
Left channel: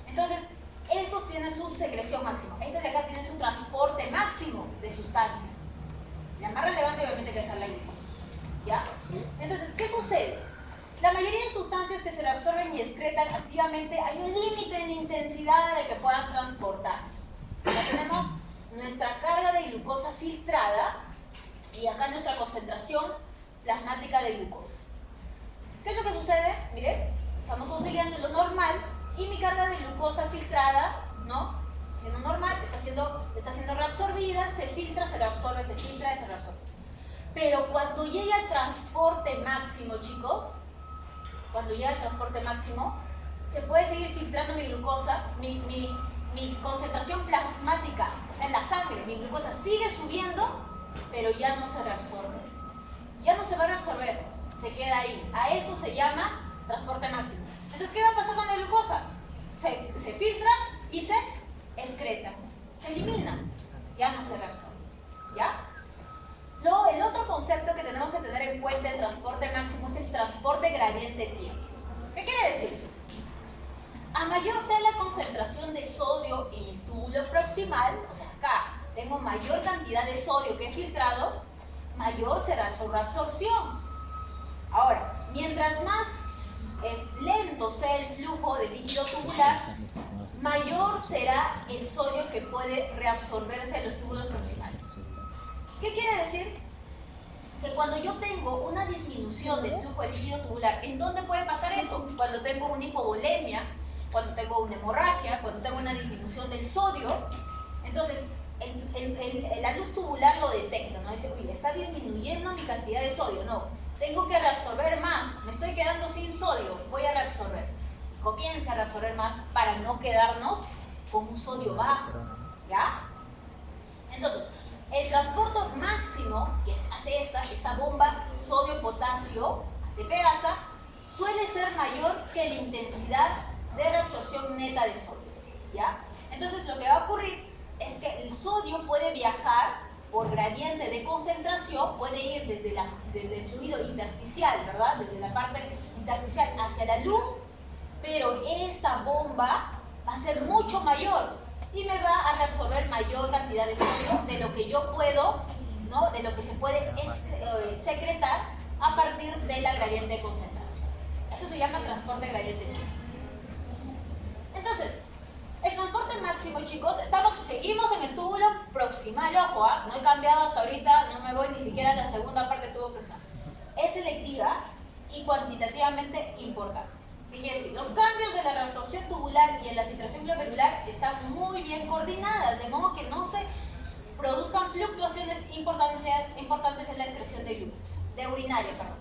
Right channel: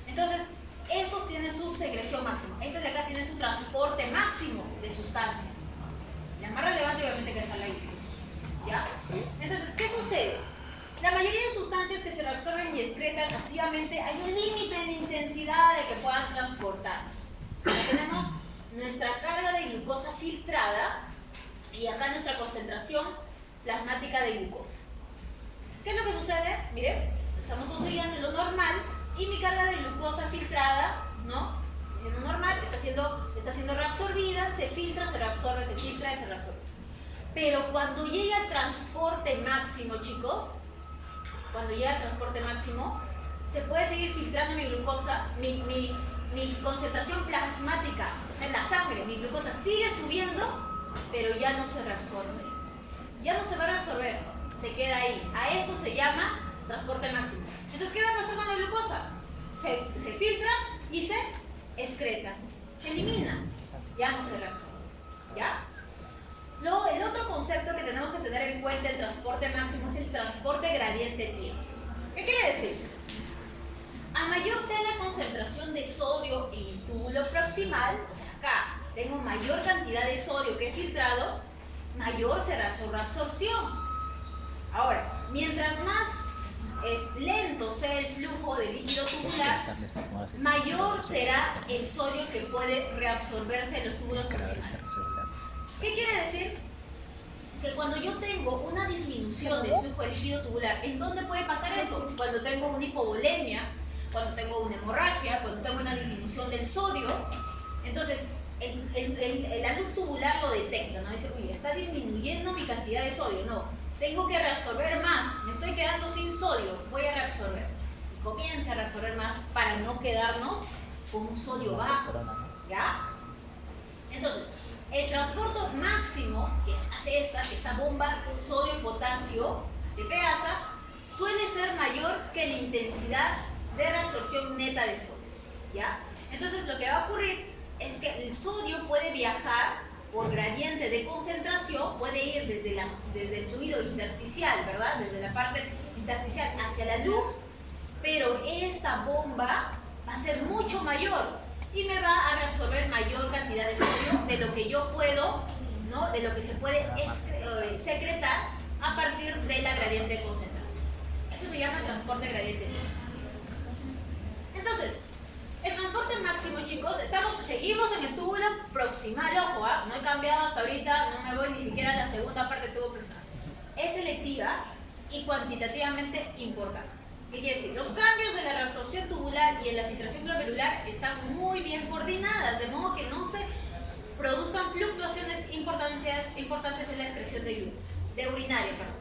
Entonces, estos tienen su secreción máxima. Este de acá tiene su transporte máximo de sustancias. La más relevante, obviamente, que es la glucosa. ¿Ya? Entonces, ¿qué sucede? La mayoría de sustancias que se reabsorben y excretan activamente hay un límite en intensidad de que puedan transportarse. Ya tenemos nuestra carga de glucosa filtrada y acá nuestra concentración plasmática de glucosa. ¿Qué es lo que sucede? Miren, estamos consiguiendo lo normal y mi carga de glucosa filtrada, ¿no?, siendo normal, está siendo reabsorbida, se filtra, se reabsorbe, se filtra y se reabsorbe. Pero cuando llega el transporte máximo, chicos, cuando llega el transporte máximo, se puede seguir filtrando mi glucosa, mi concentración plasmática, o sea, en la sangre, mi glucosa sigue subiendo, pero ya no se reabsorbe. Ya no se va a reabsorber, se queda ahí. A eso se llama transporte máximo. Entonces, ¿qué va a pasar con la glucosa? Se filtra y se excreta, se elimina, ya no se reabsorbe. ¿Ya? Luego, el otro concepto que tenemos que tener en cuenta en transporte máximo es el transporte gradiente tiempo. ¿Qué quiere decir? A mayor sea la concentración de sodio en el túbulo proximal, o sea, acá tengo mayor cantidad de sodio que he filtrado, mayor será su reabsorción. Ahora, mientras más lento sea el flujo de líquido tubular, mayor será el sodio que puede reabsorberse en los túbulos proximales. ¿Qué quiere decir? Que cuando yo tengo una disminución del flujo de líquido tubular, ¿en dónde puede pasar eso? Cuando tengo una hipovolemia, cuando tengo una hemorragia, cuando tengo una disminución del sodio. Entonces, la luz tubular lo detecta, ¿no? Dice, oye, está disminuyendo mi cantidad de sodio. No, tengo que reabsorber más, me estoy quedando sin sodio, voy a reabsorber. Y comienza a reabsorber más para no quedarnos con un sodio bajo. ¿Ya? Entonces, el transporte máximo que hace esta bomba sodio-potasio de Pegasa suele ser mayor que la intensidad de reabsorción neta de sodio. ¿Ya? Entonces, lo que va a ocurrir es que el sodio puede viajar por gradiente de concentración, puede ir desde el fluido intersticial, ¿verdad? Desde la parte intersticial hacia la luz, pero esta bomba va a ser mucho mayor y me va a reabsorber mayor cantidad de sodio de lo que yo puedo, ¿no?, de lo que se puede secretar a partir de la gradiente de concentración. Eso se llama transporte gradiente. Entonces, el transporte máximo, chicos, seguimos en el túbulo proximal, ojo, no he cambiado hasta ahorita, no me voy ni siquiera a la segunda parte del túbulo proximal. Es selectiva y cuantitativamente importante. ¿Qué quiere decir? Los cambios de la reabsorción tubular y en la filtración glomerular están muy bien coordinadas, de modo que no se produzcan fluctuaciones importantes en la excreción de glucosa, de urinaria, perdón.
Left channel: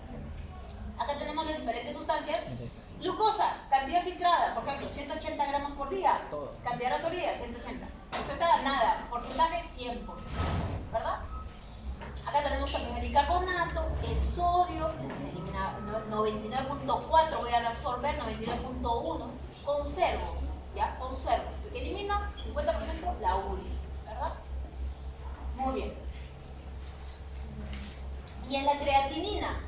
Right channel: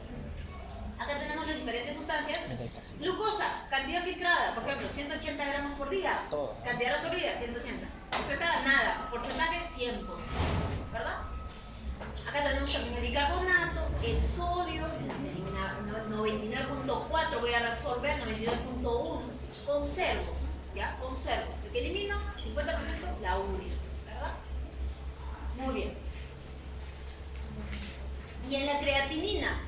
Acá tenemos las diferentes sustancias. Glucosa, cantidad filtrada, por ejemplo, 180 gramos por día. Todo. Cantidad reabsorbida, 180. Excretada, nada. Porcentaje, 100%. ¿Verdad? Acá tenemos también el bicarbonato, el sodio, se elimina 99.4, voy a reabsorber 99.1, conservo, ¿ya? Conservo. El que elimino, 50% la urea, ¿verdad? Muy bien. Y en la creatinina,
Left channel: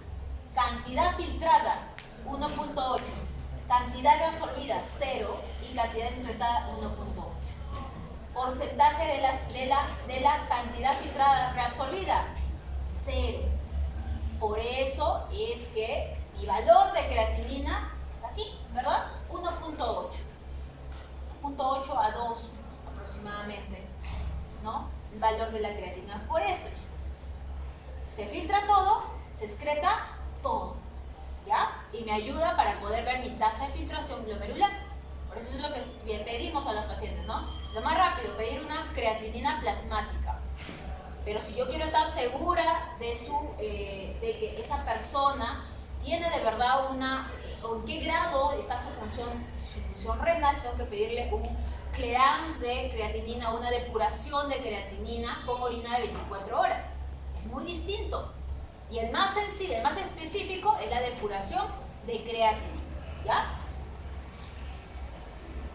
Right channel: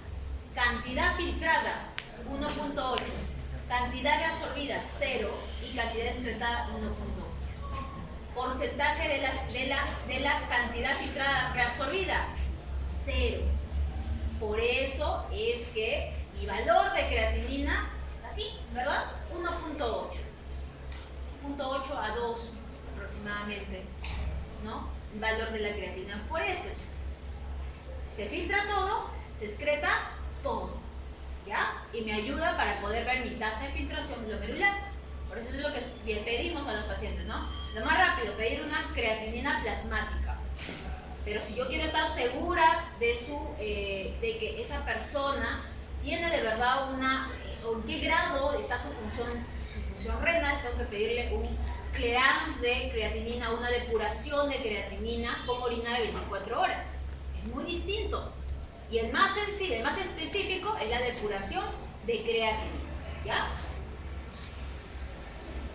cantidad filtrada, 1.8, cantidad reabsorbida, 0, y cantidad excretada, 1.8. Porcentaje de la cantidad filtrada reabsorbida, 0. Por eso es que mi valor de creatinina está aquí, ¿verdad? 1.8. 1.8 a 2 aproximadamente, ¿no? El valor de la creatina. Por esto, se filtra todo, se excreta todo, ¿ya? Y me ayuda para poder ver mi tasa de filtración glomerular. Por eso es lo que pedimos a los pacientes, ¿no? Lo más rápido, pedir una creatinina plasmática. Pero si yo quiero estar segura de que esa persona tiene de verdad o en qué grado está su función renal, tengo que pedirle un clearance de creatinina, una depuración de creatinina con orina de 24 horas. Es muy distinto. Y el más sensible, el más específico es la depuración de creatinina, ¿ya?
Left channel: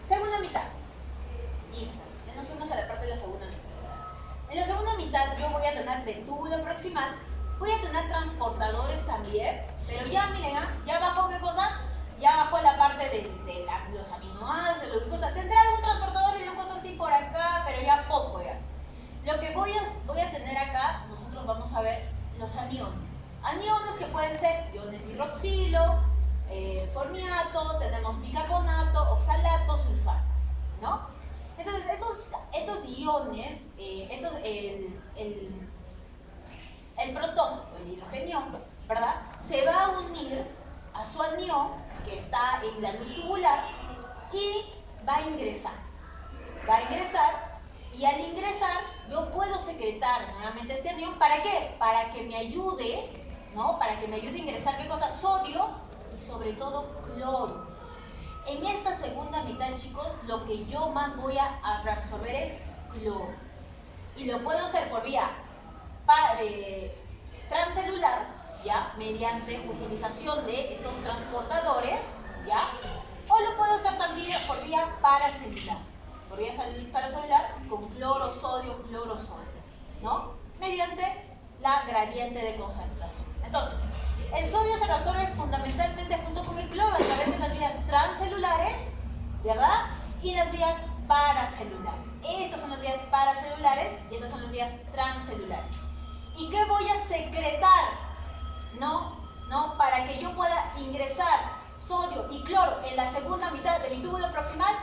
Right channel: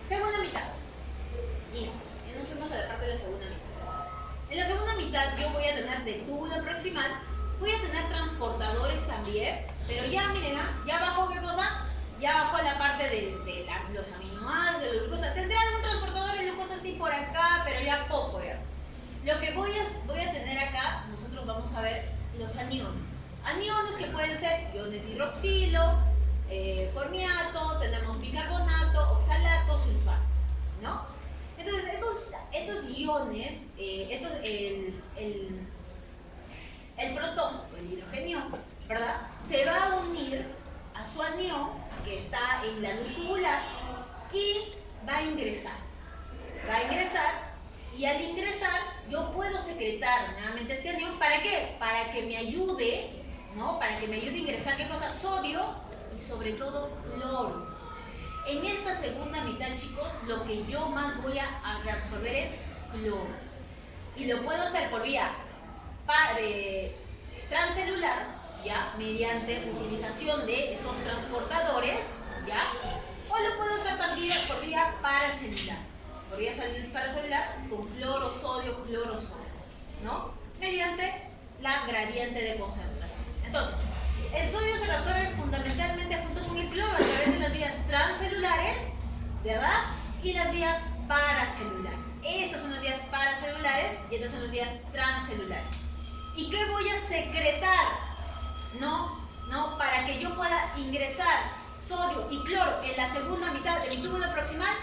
Segunda mitad. Listo. Ya nos fuimos a la parte de la segunda mitad. En la segunda mitad yo voy a tener de túbulo proximal, voy a tener transportadores también, pero ya miren, ya bajo qué cosa, ya bajo la parte de los aminoácidos, de los glucosas. Tendré algún transportador de glucosa así por acá, pero ya poco ya. Lo que voy a tener acá, nosotros vamos a ver los aniones. Aniones que pueden ser iones hidroxilo, formiato, tenemos bicarbonato, oxalato, sulfato, ¿no? Entonces, estos iones, el protón, o el hidrogenión, ¿verdad? Se va a unir a su anión, que está en la luz tubular, y va a ingresar. Y al ingresar, yo puedo secretar nuevamente este anión. ¿Para qué? Para que me ayude, ¿no? Para que me ayude a ingresar, ¿qué cosa? Sodio y sobre todo cloro. En esta segunda mitad, chicos, lo que yo más voy a reabsorber es cloro. Y lo puedo hacer por vía transcelular, ¿ya? Mediante utilización de estos transportadores, ¿ya? O lo puedo hacer también por vía paracelular. Por vía paracelular con cloro, sodio, ¿no? Mediante la gradiente de concentración. Entonces, el sodio se reabsorbe fundamentalmente junto con el cloro a través de las vías transcelulares, ¿verdad? Y las vías paracelulares. Estas son las vías paracelulares y estas son las vías transcelulares. ¿Y qué voy a secretar? ¿No? Para que yo pueda ingresar sodio y cloro en la segunda mitad de mi túbulo proximal,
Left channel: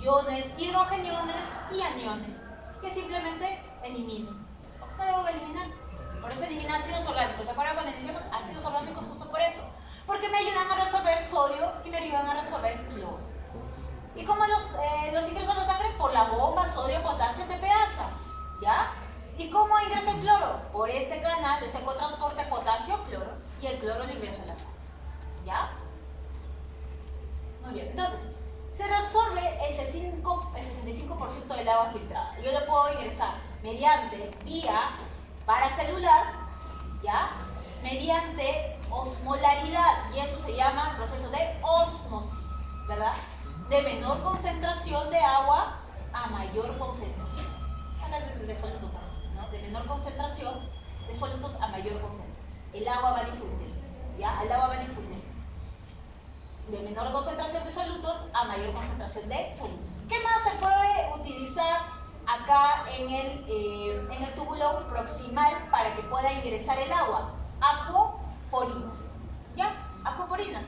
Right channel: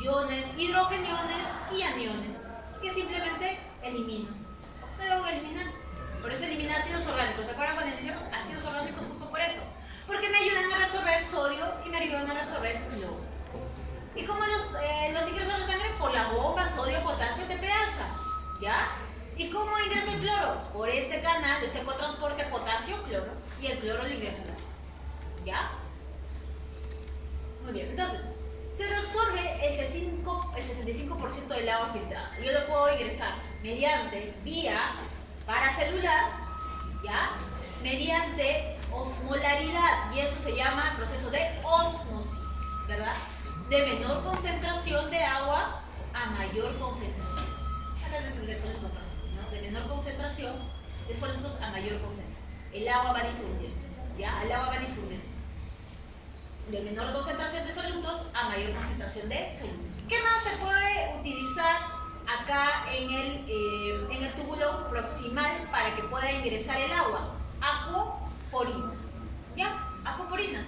iones, hidrogeniones y aniones, que simplemente elimino. ¿Qué debo eliminar? Por eso elimina ácidos orgánicos. ¿Se acuerdan cuando decíamos ácidos orgánicos? Justo por eso. Porque me ayudan a reabsorber sodio y me ayudan a reabsorber cloro. ¿Y cómo los ingreso a la sangre? Por la bomba sodio, potasio, TPasa. ¿Ya? ¿Y cómo ingreso el cloro? Por este canal, este cotransporte potasio-cloro. Y el cloro lo ingreso en la sangre. ¿Ya? Muy bien. Entonces, se reabsorbe el 65% del agua filtrada. Yo lo puedo ingresar mediante vía paracelular, ¿ya? Mediante osmolaridad, y eso se llama proceso de ósmosis, ¿verdad? De menor concentración de agua a mayor concentración. Acá de sólidos, ¿no? De menor concentración de sólidos a mayor concentración. El agua va a difundirse, ¿ya? El agua va a difundirse. De menor concentración de solutos a mayor concentración de solutos. ¿Qué más se puede utilizar acá en el túbulo proximal para que pueda ingresar el agua? Acuoporinas. ¿Ya? Acuoporinas.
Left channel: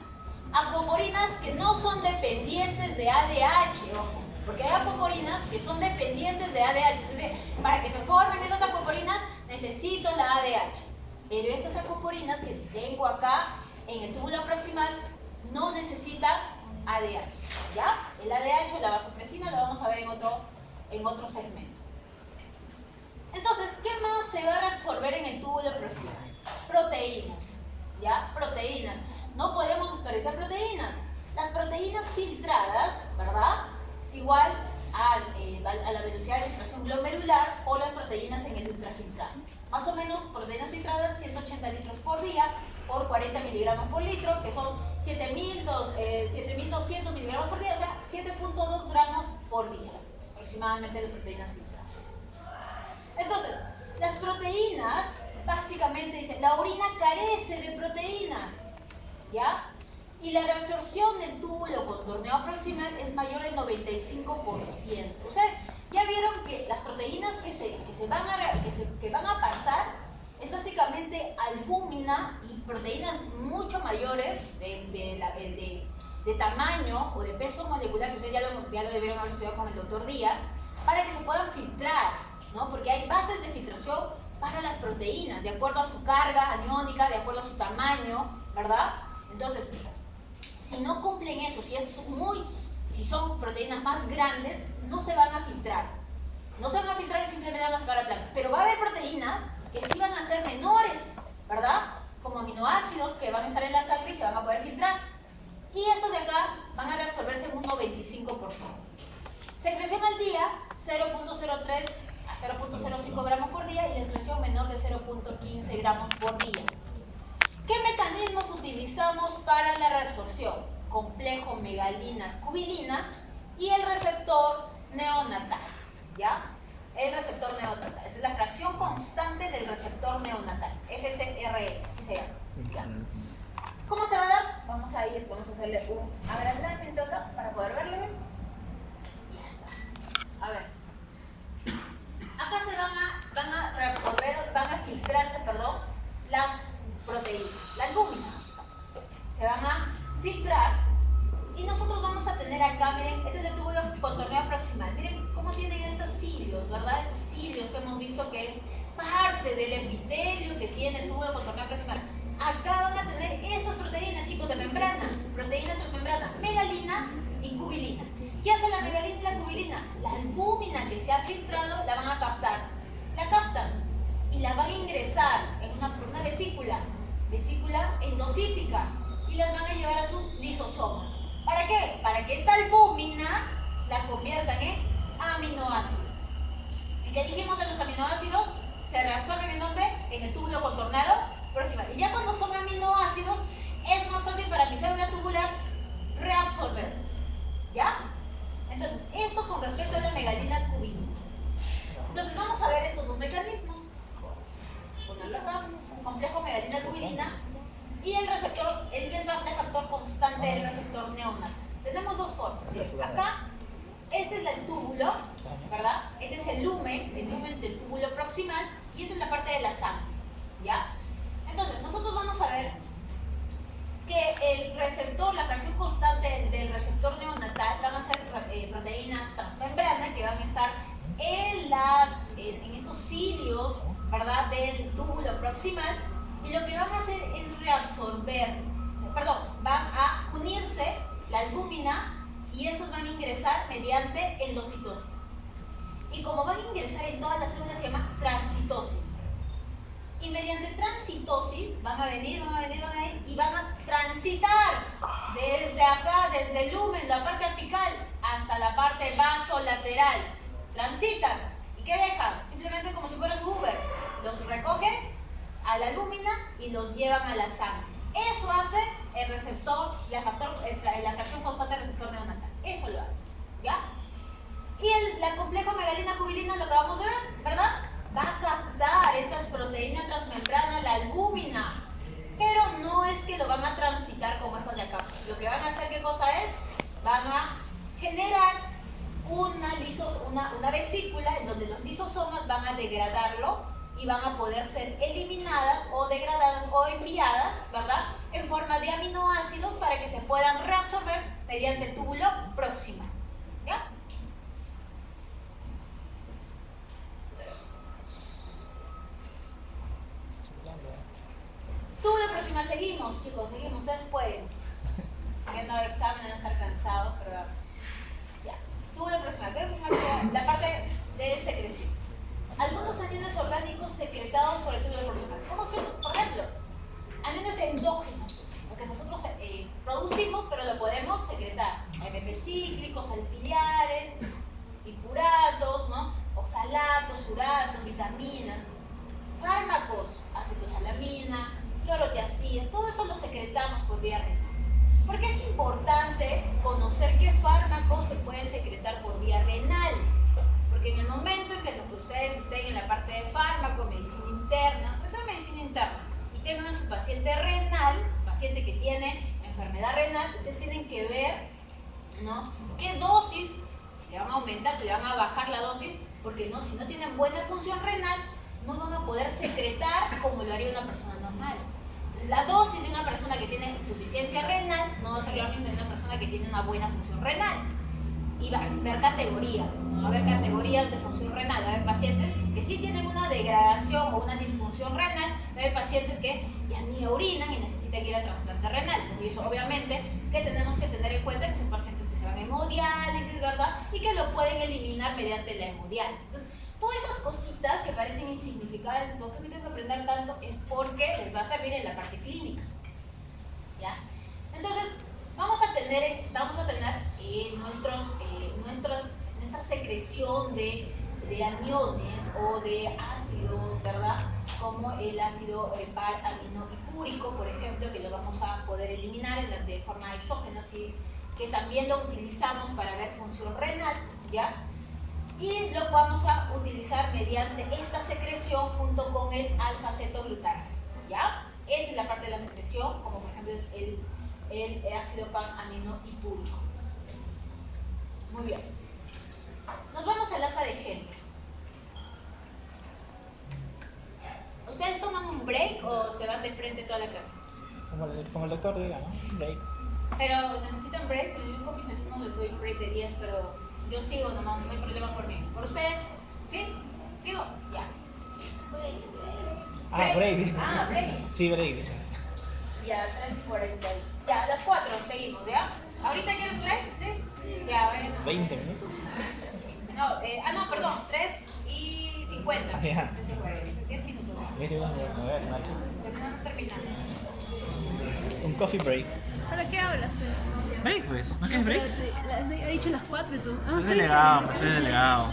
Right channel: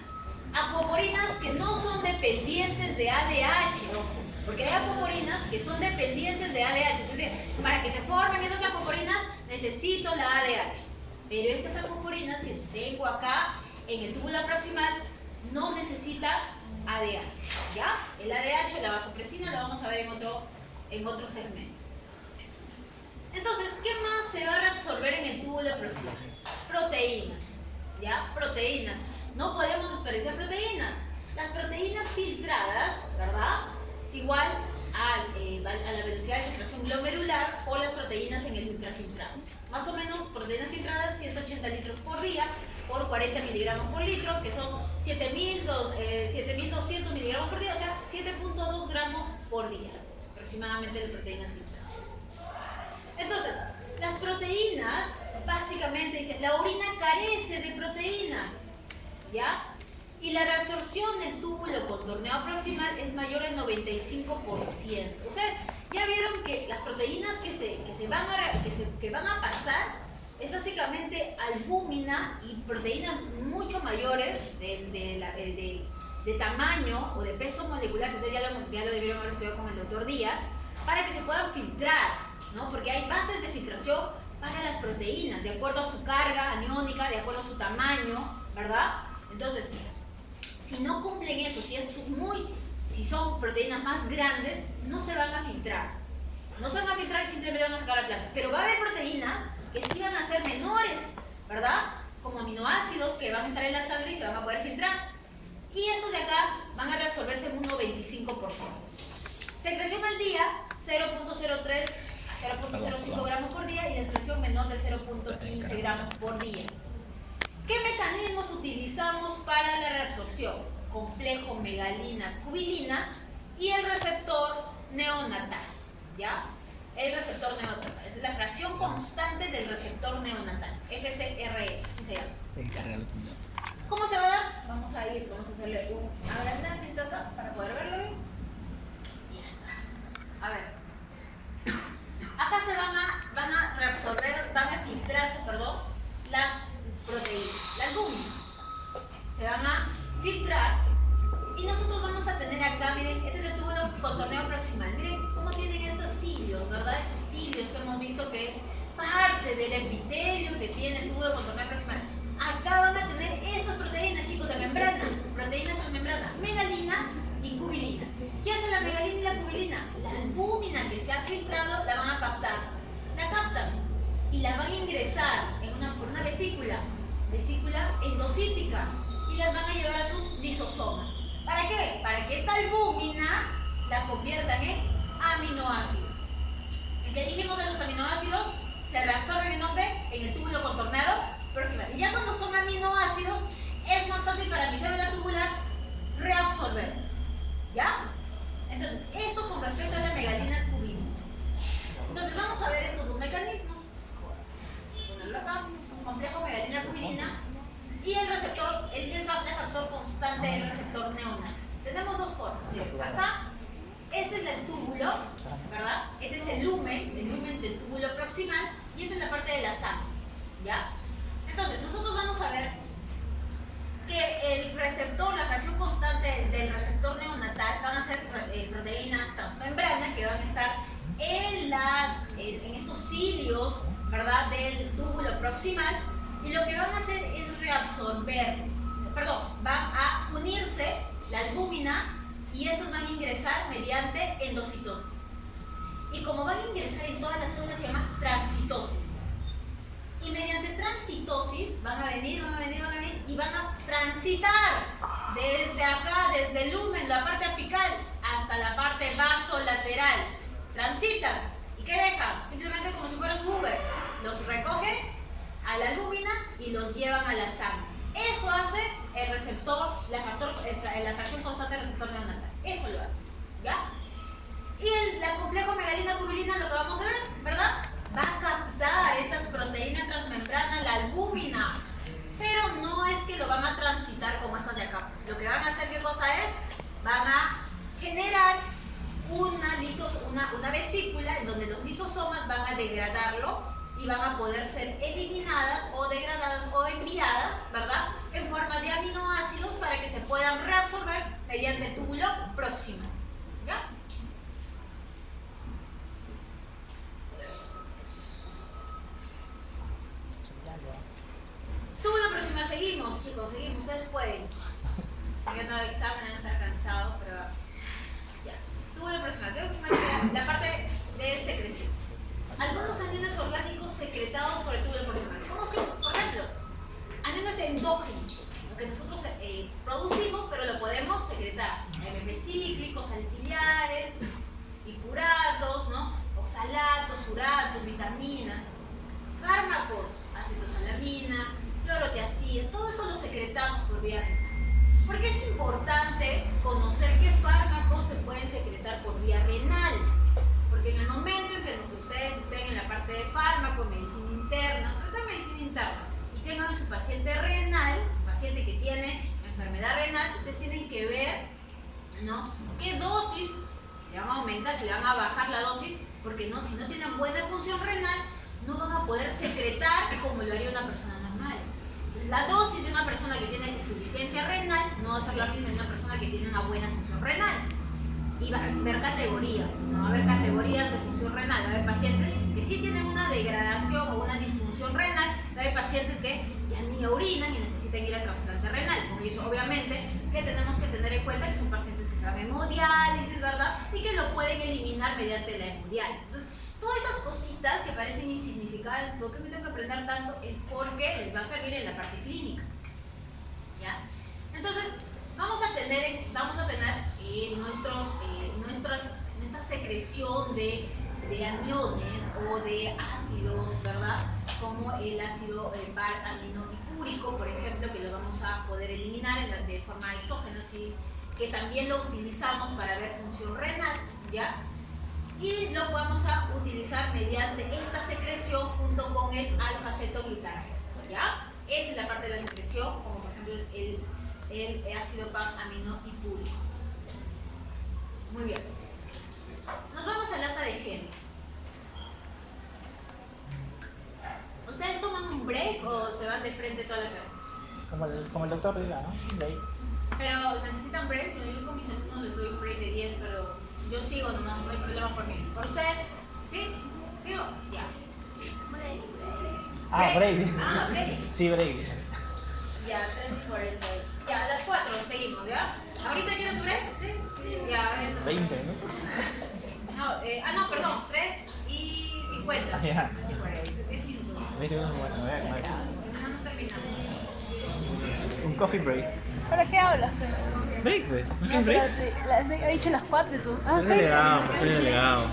Acuoporinas que no son dependientes de ADH, porque hay acuoporinas que son dependientes de ADH. Es decir, para que se formen esas acuoporinas necesito la ADH. Pero estas acuoporinas que tengo acá en el túbulo proximal no necesita ADH, ¿ya? El ADH, la vasopresina, lo vamos a ver en otro segmento. Entonces, ¿qué más se va a reabsorber en el túbulo proximal? Proteínas, ¿ya? Proteínas. No podemos desperdiciar proteínas. Las proteínas filtradas, ¿verdad? es igual a la velocidad de filtración glomerular por las proteínas en el ultrafiltrado. Más o menos, proteínas filtradas 180 litros por día por 40 miligramos por litro, que son 7.200 miligramos por día, o sea, 7.2 gramos por día, aproximadamente, de proteínas filtradas. Entonces, las proteínas, básicamente, dicen, la orina carece de proteínas, ¿ya? Y la reabsorción del túbulo contorneado proximal es mayor al 95%. Ustedes ya vieron que las proteínas que van a pasar es básicamente albúmina y proteínas mucho mayores de tamaño o de peso molecular, que ustedes ya lo debieron haber estudiado con el doctor Díaz, para que se puedan filtrar, ¿no? Porque hay bases de filtración para las proteínas, de acuerdo a su carga aniónica, de acuerdo a su tamaño, ¿verdad? Entonces, si no cumplen eso, si son proteínas más grandes, no se van a filtrar. No se van a filtrar y simplemente van a sacar a planta. Pero va a haber proteínas que sí van a ser menores, ¿verdad? Como aminoácidos que van a estar en la sangre y se van a poder filtrar. Y estos de acá van a reabsorberse en un 95%. Secreción al día, 0.03 a 0.05 gramos por día, y excreción menor de 0.15 gramos por día. ¿Qué mecanismos utilizamos para la reabsorción? Complejo megalina-cubilina y el receptor neonatal, ¿ya? El receptor neonatal. Esa es la fracción constante del receptor neonatal, FCRN, así se llama. ¿Cómo se va a dar? Vamos a hacerle un agrandamiento acá para poder verlo bien. Y ya está. A ver. Acá se van a reabsorber, van a filtrarse, las proteínas, las albúminas. Se van a filtrar y nosotros vamos a tener acá, miren, este es el túbulo contorneado proximal. Miren cómo tienen estos cilios, ¿verdad? Estos cilios que hemos visto que es parte del epitelio que tiene el túbulo contorneado proximal. Acá van a tener estas proteínas, chicos, de membrana, proteínas transmembrana, megalina y cubilina. ¿Qué hace la megalina y la cubilina? La albúmina que se ha filtrado la van a captar. La captan y la van a ingresar por una vesícula endocítica, y las van a llevar a sus lisosomas. ¿Para qué? Para que esta albúmina la conviertan en aminoácidos. ¿Qué dijimos de los aminoácidos? Se reabsorben en dónde? En el túbulo contorneado proximal. Y ya cuando son aminoácidos, es más fácil para mi célula tubular reabsorberlos. ¿Ya? Entonces, esto con respecto a la megalina cubilina. Entonces, vamos a ver estos dos mecanismos. Acá, un complejo megalina cubilina y el receptor, el factor constante del receptor neonatal. Tenemos dos formas. Acá, este es el túbulo, ¿verdad? Este es el lumen del túbulo proximal, y esta es la parte de la sangre, ¿ya? Entonces, nosotros vamos a ver que el receptor, la fracción constante del receptor neonatal van a ser proteínas transmembrana que van a estar en estos cilios, ¿verdad?, del túbulo proximal, y lo que van a hacer es van a unirse la albúmina, y estos van a ingresar mediante endocitosis. Y como van a ingresar en todas las células, se llama transitosis. Y mediante transitosis van a venir y van a transitar desde acá, desde el lumen, la parte apical, hasta la parte vasolateral. Transitan. ¿Y qué dejan? Simplemente como si fuera su Uber. Los recogen a la albúmina y los llevan a la sangre. Eso hace el receptor, la fracción constante del receptor neonatal. Eso lo hace, ¿ya? Y la complejo megalina-cubilina, lo que vamos a ver, ¿verdad? Va a captar estas proteínas transmembranas, la albúmina, pero no es que lo van a transitar como estas de acá. Lo que van a hacer, ¿qué cosa es? Van a generar una vesícula en donde los lisosomas van a degradarlo y van a poder ser eliminadas o degradadas o enviadas, ¿verdad?, en forma de aminoácidos para que se puedan reabsorber mediante el túbulo proximal. ¿Ya? Túbulo proximal, seguimos, chicos, seguimos, ustedes pueden. Siguiendo el examen, van a estar cansados, pero ya. Túbulo proximal, creo que es la parte de secreción. Algunos aniones orgánicos secretados por el túbulo proximal. ¿Cómo que? Por ejemplo, aniones endógenos, lo que nosotros producimos, pero lo podemos secretar. AMP cíclico, sales auxiliares, pipuratos, ¿no? Oxalatos, uratos, vitaminas, fármacos, acetosalamina, clorotiazida, todo esto lo secretamos por vía renal. ¿Por qué es importante conocer qué fármacos se pueden secretar por vía renal? Porque en el momento en que ustedes estén en la parte de fármaco, medicina interna, sobre todo medicina interna, y tengan su paciente renal, paciente que tiene enfermedad renal, ustedes tienen que ver, ¿no?, qué dosis, si le van a aumentar, si le van a bajar la dosis, porque no, si no tienen buena función renal, no van a poder secretar como lo haría una persona normal. Entonces, la dosis de una persona que tiene insuficiencia renal no va a ser la misma de una persona que tiene una buena función renal. Y va a haber categorías, ¿no? Va a haber categorías de función renal. Va a haber pacientes que sí tienen una degradación o una disfunción renal. Va a haber pacientes que ya ni orinan y necesitan ir a trasplante renal. Por eso, obviamente, que tenemos que tener en cuenta que son pacientes que se van a hemodiálisis, ¿verdad? Y que lo pueden eliminar mediante la hemodiálisis. Entonces, todas esas cositas que parecen insignificantes, ¿por qué me tengo que aprender tanto? Es porque les va a servir en la parte clínica, ¿ya? Entonces, vamos a tener nuestra secreción de aniones o de ácidos, ¿verdad? Como el ácido par-aminopipúrico, por ejemplo, que lo vamos a poder eliminar de forma exógena, así que también lo utilizamos para ver función renal, ¿ya? Y lo vamos a utilizar mediante esta secreción junto con el alfa-cetoglutarato, ¿ya? Esa es la parte de la secreción, como por ejemplo el ácido pan-aminopipúrico. Muy bien. Nos vamos al asa de Henle. ¿Ustedes toman un break o se van de frente toda la clase? Como el doctor diga, ¿no? Break. Pero necesitan break. Yo con mis alumnos les doy un break de 10, pero yo sigo nomás, no hay problema por mí. ¿Por ustedes? ¿Sí? ¿Sigo? Ya. Break. Ah, break. Ah, break. Sí, break, dice. Ya, 3:40. Ya, a las 4 seguimos, ¿ya? ¿Ahorita quieres break? ¿Sí? Sí. Ya, a ver. 20 minutos. No, perdón, 3:50. Ah, ya. 3:40. 10 minutos. 20 minutos, bueno, a ver, Marco. No terminamos. Un coffee break. ¿Para qué hablas? Break, pues. ¿No quieres break? He dicho las 4 y tú. Soy delegado, pues soy delegado.